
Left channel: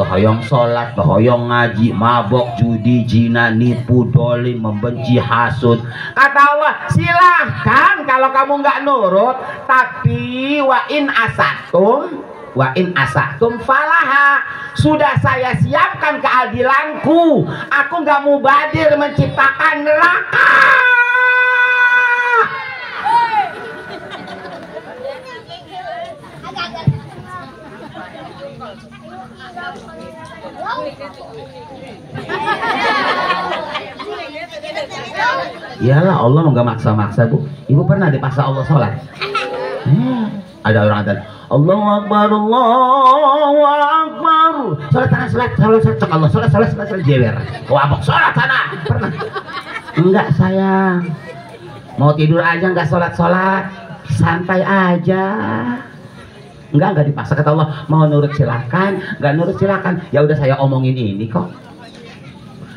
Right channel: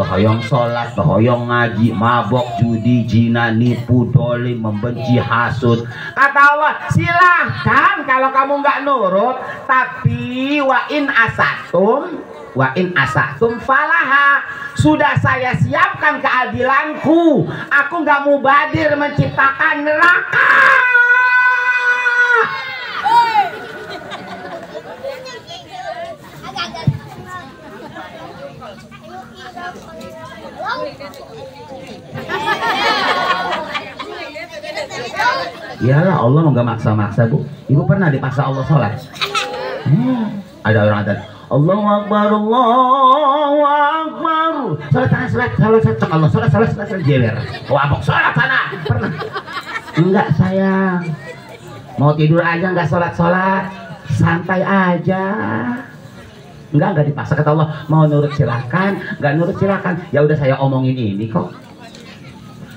hoyong sholat, hoyong ngaji, mabok, judi, zina, nipu, dolim, membenci, hasud. Kata Allah, silahkan kalau kamu nggak nurut. Tapi wa in asatum falaha. Sudah saya siapkan keadilanku. Aku nggak mubadir menciptakan neraka. Iyalah, Allah nggak maksa-maksa bu. Ibu pernah dipaksa Allah sholat? Ada orang tadi, Allahu Akbar, Allahu Akbar. Sholat jewer. Wabok sholat sana. Pernah? Enggak sayang. Mau tidur aja nggak sholat, santai aja. Enggak dipaksa. Kata Allah, mau nurut silakan, nggak nurut silakan. Ya udah saya omongin ini kok.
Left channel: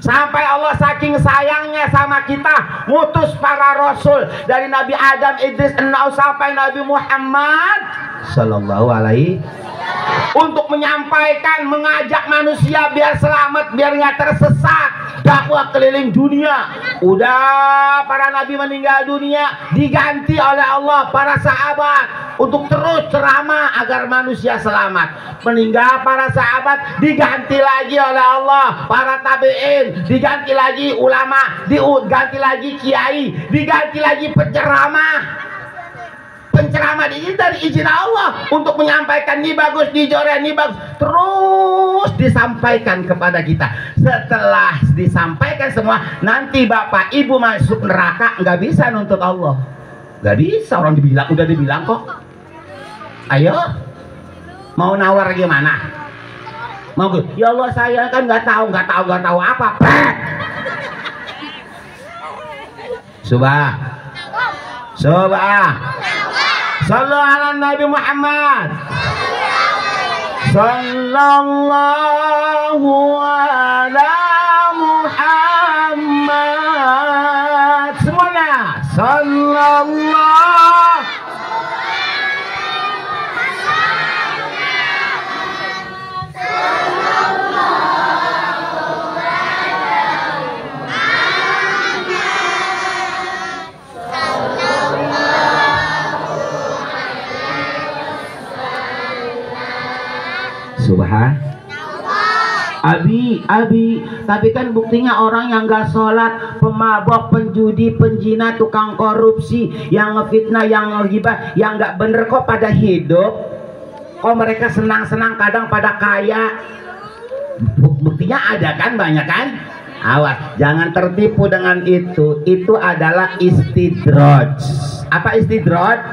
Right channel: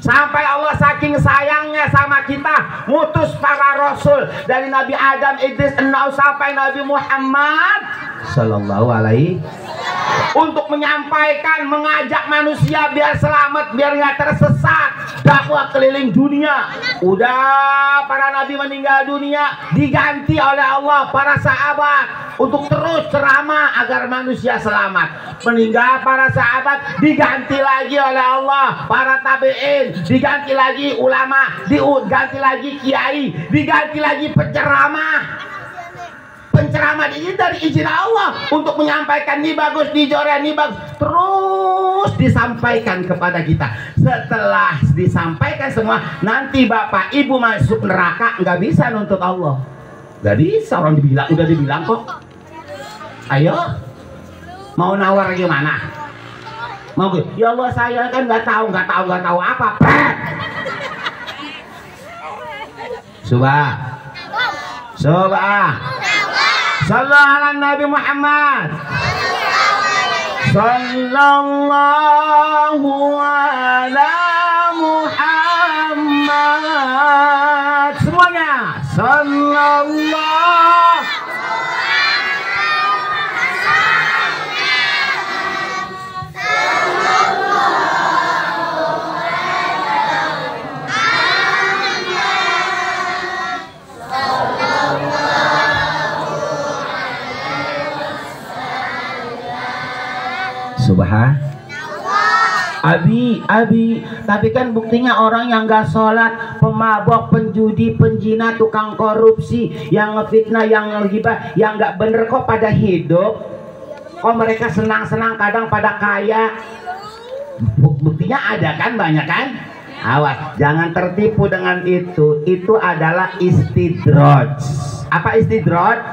Sampai Allah saking sayangnya sama kita, ngutus para rasul dari Nabi Adam, Idris, Nuh sampai Nabi Muhammad Sallallahu Alaihi untuk menyampaikan, mengajak manusia biar selamat, biar nggak tersesat, dakwah keliling dunia. Udah para nabi meninggal dunia, diganti oleh Allah para sahabat untuk terus ceramah agar manusia selamat. Meninggal para sahabat, diganti lagi oleh Allah para tabi'in, diganti lagi ulama, diganti lagi kiai, diganti lagi penceramah. Penceramah ini dari izin Allah untuk menyampaikan ini bagus, dijore ini bagus, terus disampaikan kepada kita. Setelah disampaikan semua, nanti bapak ibu masuk neraka, nggak bisa nuntut Allah, nggak bisa. Orang udah dibilang kok. Ayo, mau nawar gimana? Mau gue? Ya Allah, saya kan nggak tahu apa. Subah. Sallallahu ala Nabi Muhammad. Sallallahu ala Muhammad. Semuanya. Sallallahu. Subhan. Abi, tapi kan buktinya orang yang gak sholat, pemabok, penjudi, penjina, tukang korupsi, yang ngefitnah, yang ngegibah, yang gak bener kok pada hidup. Kok mereka senang-senang kadang pada kaya. Buktinya ada kan, banyak kan? Awas, jangan tertipu dengan itu. Itu adalah istidraj. Apa istidraj?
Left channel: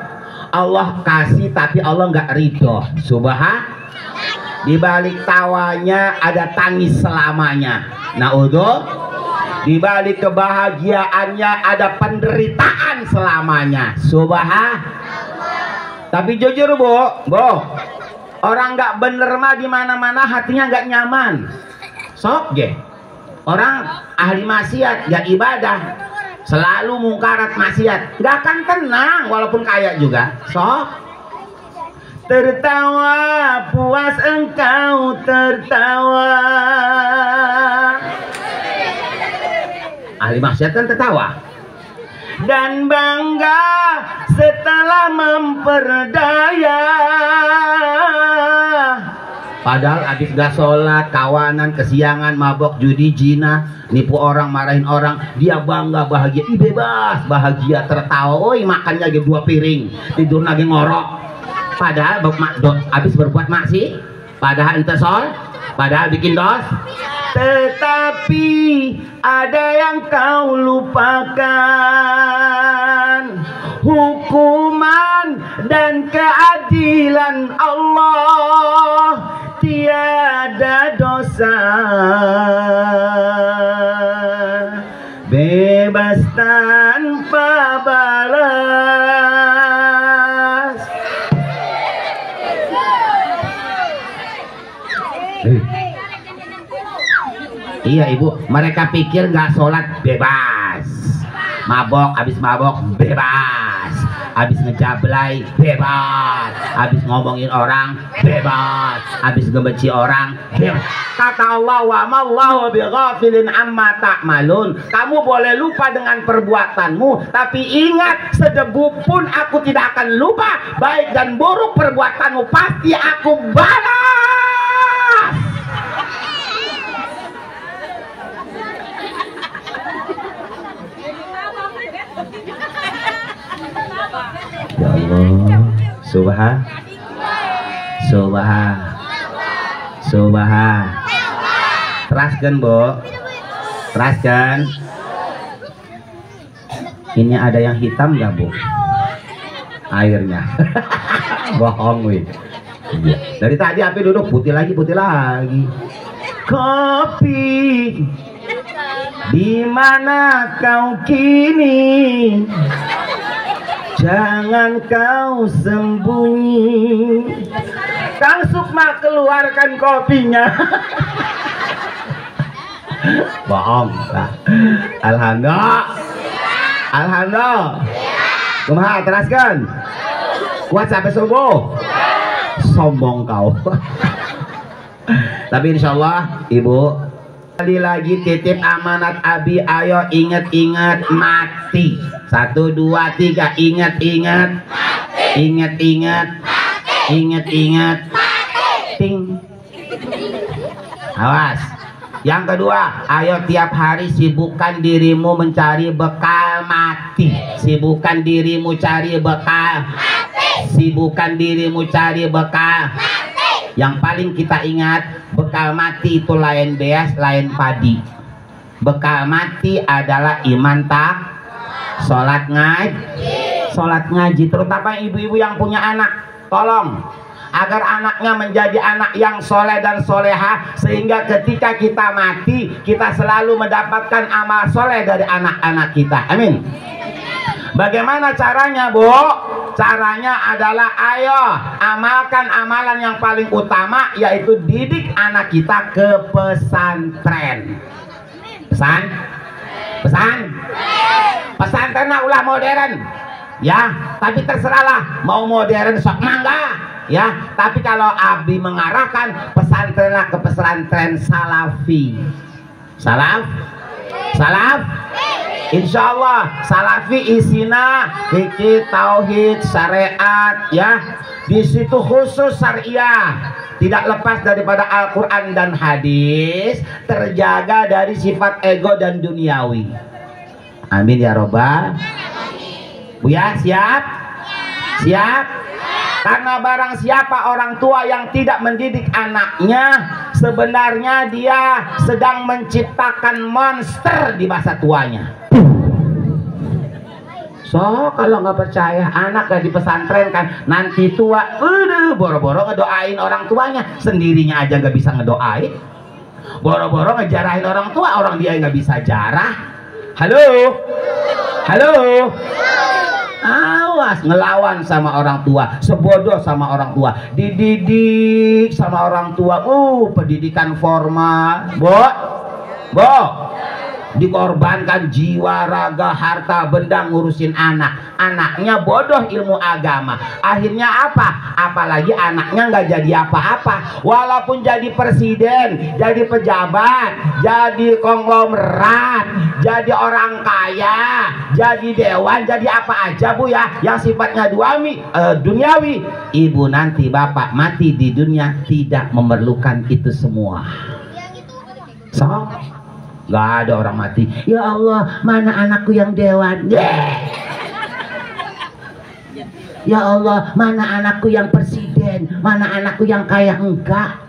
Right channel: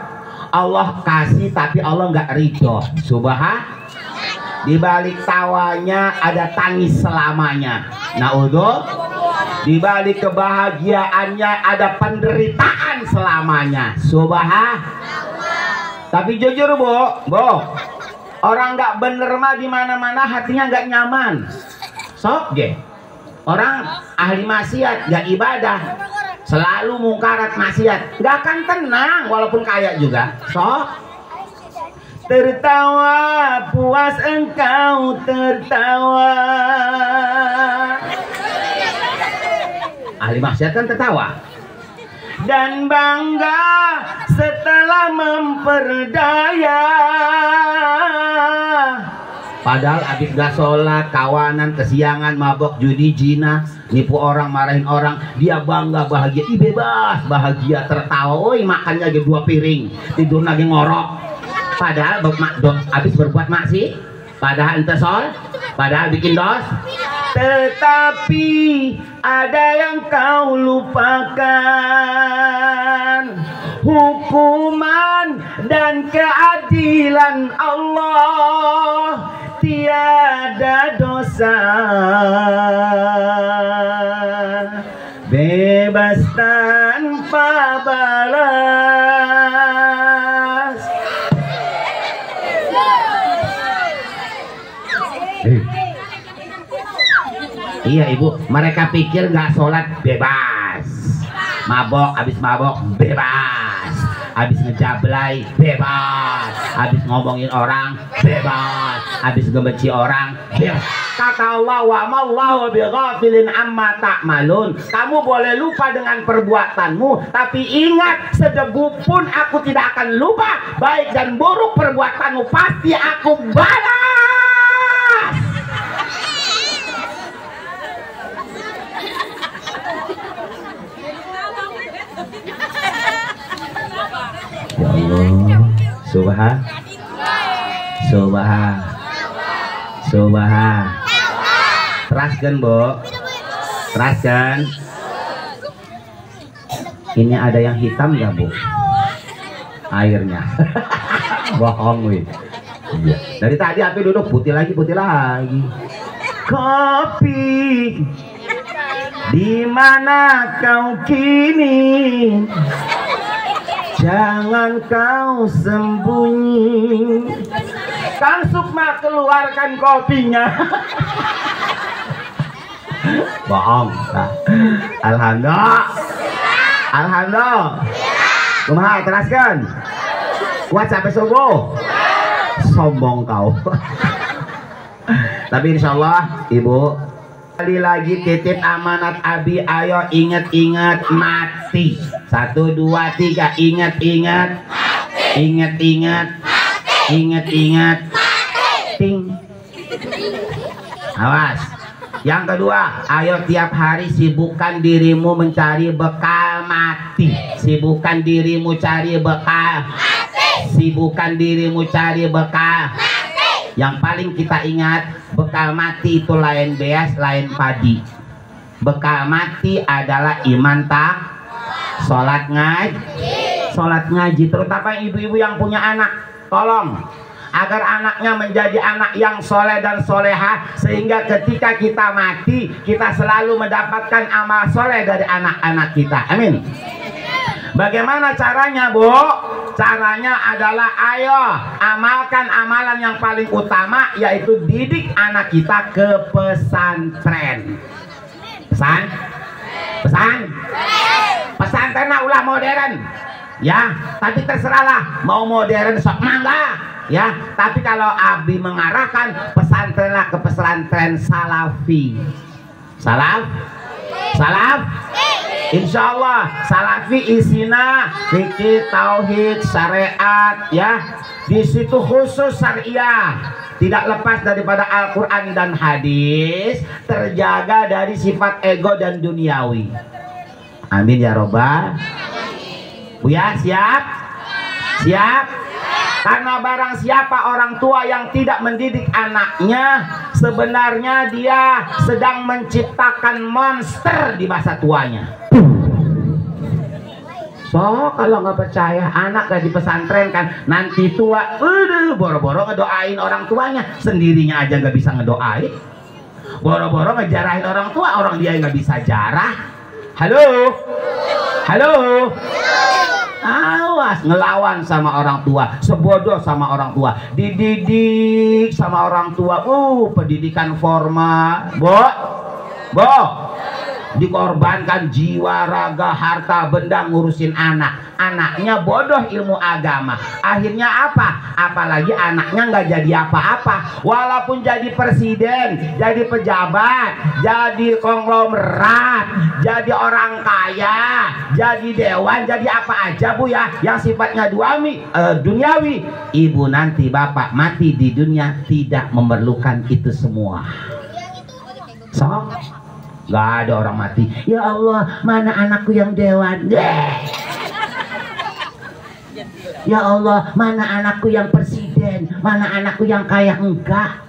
Allah kasih tapi Allah nggak ridho. Subhan. Di balik tawanya ada tangis selamanya. Naudzubillah. Di balik kebahagiaannya ada penderitaan selamanya. Subhan. Tapi jujur bu, orang nggak bener mah di mana-mana hatinya nggak nyaman. Sok ge. Orang ahli maksiat, gak ibadah, selalu mungkarat maksiat, nggak akan tenang walaupun kaya juga. So, tertawa puas engkau tertawa. Ahli maksiat kan tertawa. Dan bangga setelah memperdaya. Padahal abis gak sholat, kawanan, kesiangan, mabok, judi, zina, nipu orang, marahin orang, dia bangga, bahagia, bebas, bahagia, tertawa, makan lagi 2 piring, tidur lagi ngorok. Padahal abis berbuat maksiat, padahal ente sol, padahal bikin dos. Tetapi ada yang kau lupakan, hukuman dan keadilan Allah. Tiada dosa, bebas tanpa balas. Iya ibu, mereka pikir nggak sholat bebas, mabok, habis mabok bebas, habis ngejablay bebas, habis ngomongin orang bebas, habis ngebenci orang bebas. Kata Allah, wa mallahu bighafilin amma ta'malun. Kamu boleh lupa dengan perbuatanmu, tapi ingat, sedebu pun aku tidak akan lupa. Baik dan buruk perbuatanmu pasti aku balas. Ya Allah, subhan. Teraskan bu, teraskan. Ini ada yang hitam nggak bu? Airnya. Bohong wih. Iya. Dari tadi api duduk putih lagi. Kopi, di mana kau kini? Jangan kau sembunyi. Kang Sukma keluarkan kopinya. Bohong. Alhamdulillah. Kumaha teraskan. Kuat sampai subuh. Sombong kau. Tapi insyaallah ibu, kali lagi titip amanat abi, ayo ingat-ingat mati. 1, 2, 3, ingat-ingat, ingat-ingat, ting. Awas. Yang kedua, ayo tiap hari sibukkan dirimu mencari bekal mati. Sibukkan dirimu cari bekal. Sibukkan dirimu cari bekal. Yang paling kita ingat, bekal mati itu lain beas, lain padi. Bekal mati adalah iman tak, sholat ngaji, terutama ibu-ibu yang punya anak, tolong agar anaknya menjadi anak yang soleh dan soleha, sehingga ketika kita mati kita selalu mendapatkan amal soleh dari anak-anak kita. Amin. Bagaimana caranya bu? Caranya adalah ayo amalkan amalan yang paling utama, yaitu didik anak kita ke pesantren. Pesantren ulah modern ya, tapi terserahlah mau modern sok mangga ya, tapi kalau Abi mengarahkan pesantrenlah ke pesantren salafi. Salaf insya Allah salafi isina fikih, tauhid, syariat ya. Di situ khusus syariah, tidak lepas daripada Al-Quran dan hadis, terjaga dari sifat ego dan duniawi. Amin ya robbal. Buya siap? Karena barang siapa orang tua yang tidak mendidik anaknya, sebenarnya dia sedang menciptakan monster di masa tuanya. So kalau nggak percaya, anak gak di pesantren kan nanti tua, boro-boro ngedoain orang tuanya, sendirinya aja nggak bisa ngedoain. Boro-boro ngejarahin orang tua, orang dia nggak bisa jarah. Halo. Awas ngelawan sama orang tua, sebodoh sama orang tua, dididik sama orang tua. Pendidikan formal, bo, dikorbankan jiwa, raga, harta, benda ngurusin anak. Anaknya bodoh ilmu agama. Akhirnya apa? Apalagi anaknya nggak jadi apa-apa. Walaupun jadi presiden, jadi pejabat, jadi konglomerat, jadi orang kaya, jadi dewan, jadi apa aja bu ya, yang sifatnya duniawi. Ibu nanti bapak mati di dunia tidak memerlukan itu semua. So, gak ada orang mati. Ya Allah, mana anakku yang dewan? Ya Allah, mana anakku yang presiden? Mana anakku yang kaya? Enggak.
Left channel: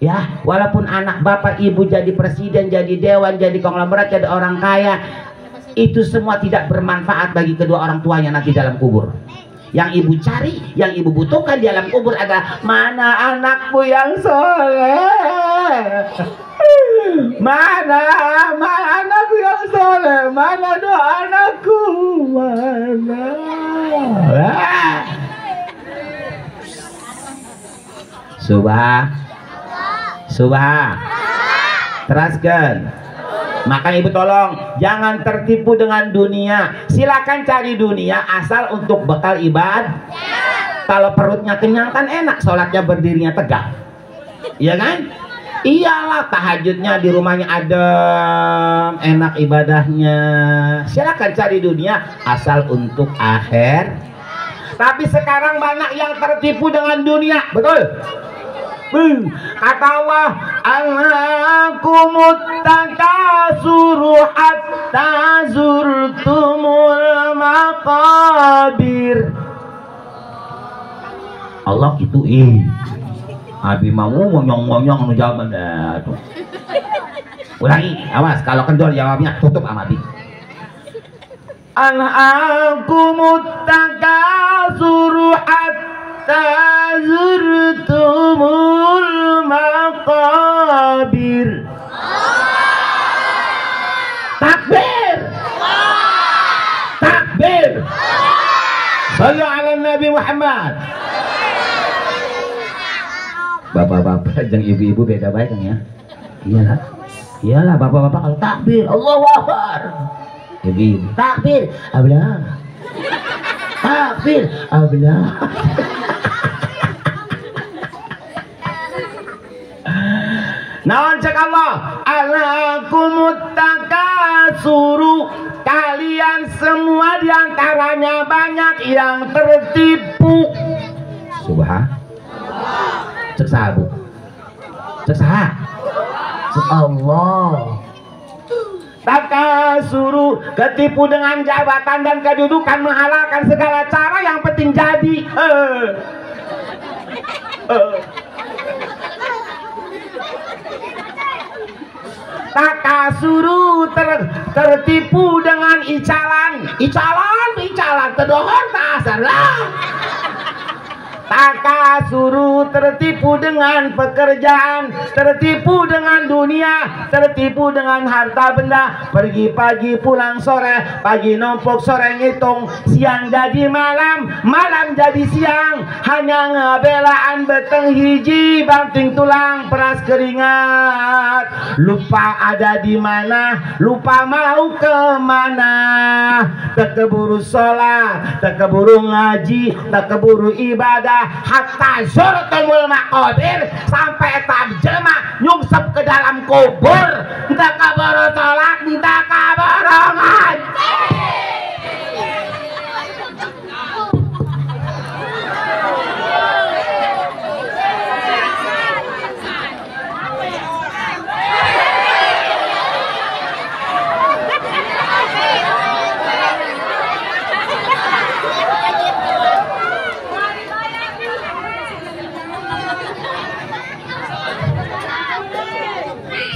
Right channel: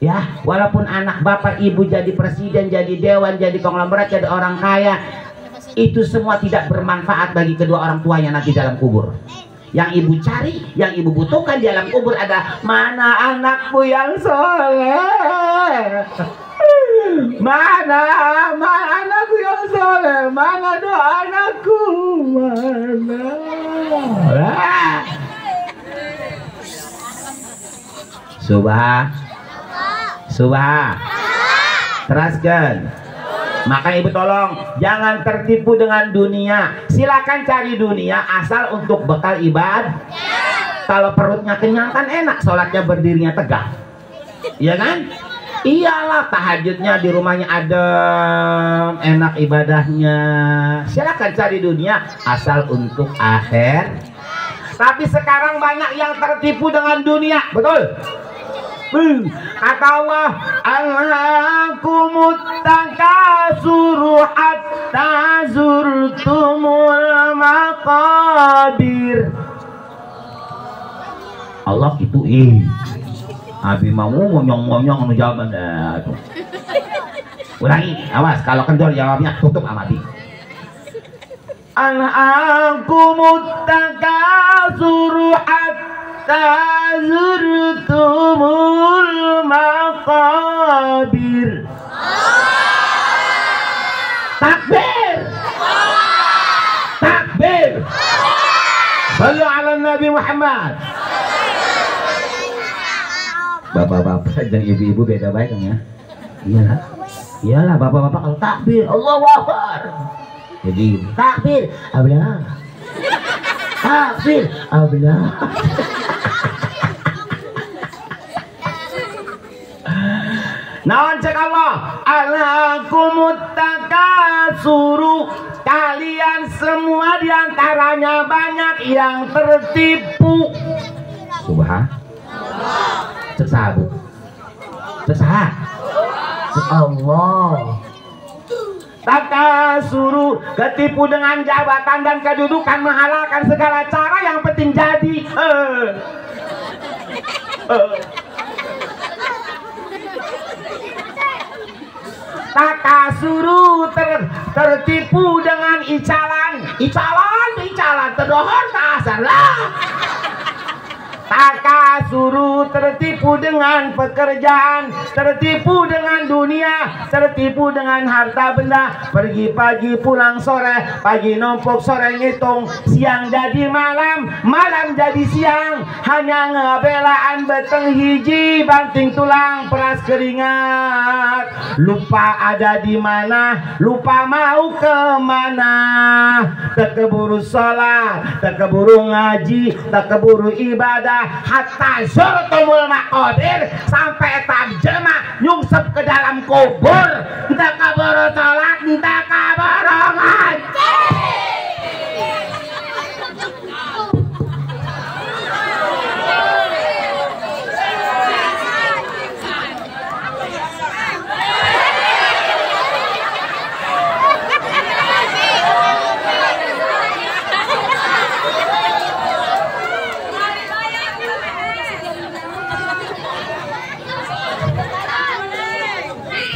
Ya, walaupun anak bapak ibu jadi presiden, jadi dewan, jadi konglomerat, jadi orang kaya, itu semua tidak bermanfaat bagi kedua orang tuanya nanti dalam kubur. Yang ibu cari, yang ibu butuhkan di dalam kubur adalah mana anakku yang soleh. Mana anakku yang soleh, mana doa anakku, mana. Subah. Teraskan. Maka ibu tolong jangan tertipu dengan dunia. Silakan cari dunia asal untuk bekal ibadah. Kalau perutnya kenyang kan enak, sholatnya berdirinya tegak. Iya kan? Iyalah, tahajudnya di rumahnya adem, enak ibadahnya. Silakan cari dunia asal untuk akhir. Tapi sekarang banyak yang tertipu dengan dunia, betul? Kata Allah, Alhaakumut takasuru hatta zurtumul maqabir. Allah itu Abi mau ngonyong-ngonyong ngejawab dah. Ulangi, awas kalau kendor jawabnya tutup sama Abi. Alhaakumut takasuru hatta zurtumul maqabir. Takbir. Takbir. Sallu ala Nabi Muhammad. Bapak-bapak dan ibu-ibu beda baik kan ya? Iyalah bapak-bapak kalau takbir Allahu Akbar. Jadi takbir ablah. Takbir ablah. Naon cek Allah, alakumut takasuru, kalian semua diantaranya banyak yang tertipu. Subhan. Cek sahabu. Cek saha. Cek Allah. Takasuru, ketipu dengan jabatan dan kedudukan, menghalalkan segala cara yang penting jadi. Takasuru, tertipu dengan icalan terdohor tak salah. Takasuru, tertipu dengan pekerjaan, tertipu dengan dunia, tertipu dengan harta benda. Pergi pagi pulang sore, pagi numpuk sore ngitung, siang jadi malam, malam jadi siang. Hanya ngebelaan beteng hiji, banting tulang, peras keringat. Lupa ada di mana, lupa mau kemana. Tekeburu sholat, tekeburu ngaji, tekeburu ibadah. Hatta zurtumul maqabir, sampai tarjemah nyungsep ke dalam kubur. Kita kabur sholat, kita kabur ngaji.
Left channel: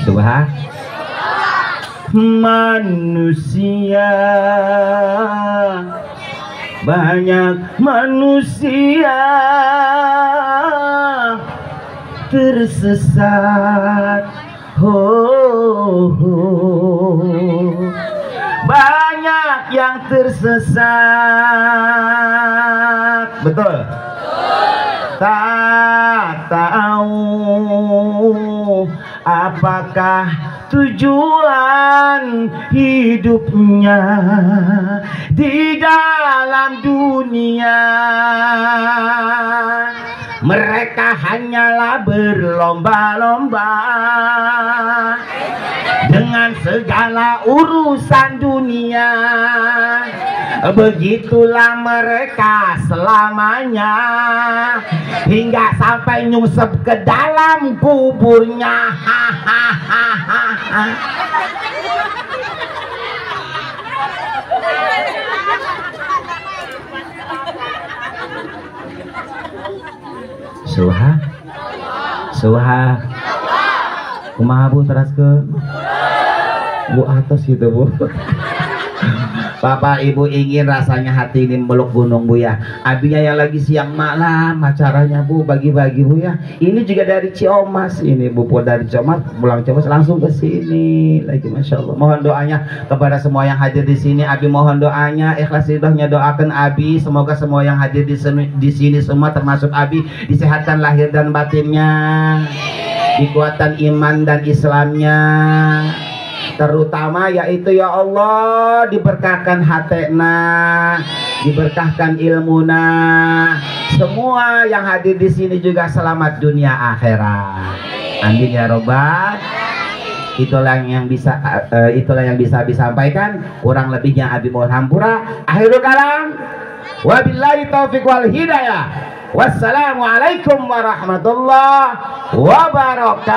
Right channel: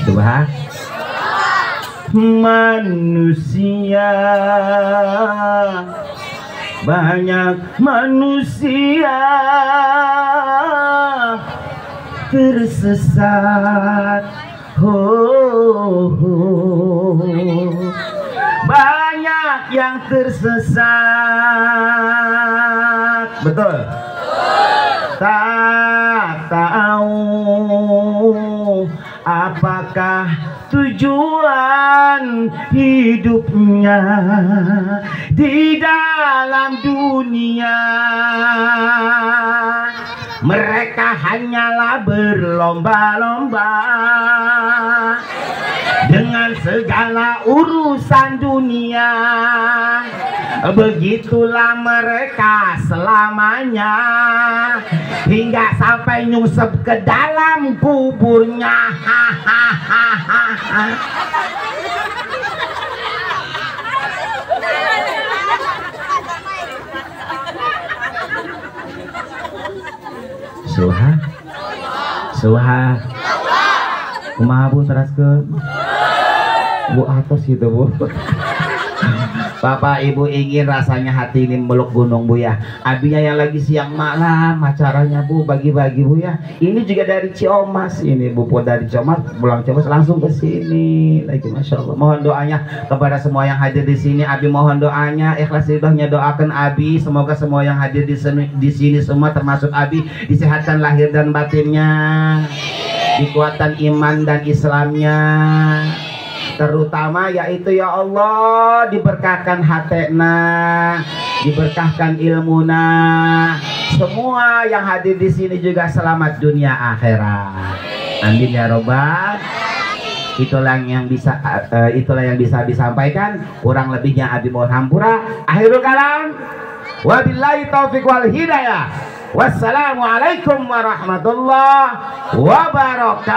Subhan. Manusia, banyak manusia tersesat. Banyak yang tersesat. Betul? Tak tahu apakah tujuan hidupnya di dalam dunia. Mereka hanyalah berlomba-lomba dengan segala urusan dunia. Begitulah mereka selamanya, hingga sampai nyungsep ke dalam kuburnya. Suha kumaha Bu teraskeun Bu atos gitu Bu. Bapak Ibu ingin rasanya hati ini meluk gunung Bu ya. Abinya yang lagi siang malam acaranya Bu, bagi-bagi Bu ya. Ini juga dari Ciomas, ini Bu dari Ciomas, pulang Ciomas langsung ke sini lagi, Masya Allah. Mohon doanya kepada semua yang hadir di sini. Abi mohon doanya, ikhlas ridhonya doakan Abi. Semoga semua yang hadir di sini semua termasuk Abi disehatkan lahir dan batinnya, dikuatkan iman dan Islamnya, terutama yaitu ya Allah diberkahkan hatena, diberkahkan ilmuna. Semua yang hadir di sini juga selamat dunia akhirat. Amin ya robbal. Itulah yang bisa disampaikan. Kurang lebihnya Abi mohon hampura. Akhirul kalam. Wabillahi taufiq wal hidayah. Wassalamualaikum warahmatullahi wabarakatuh.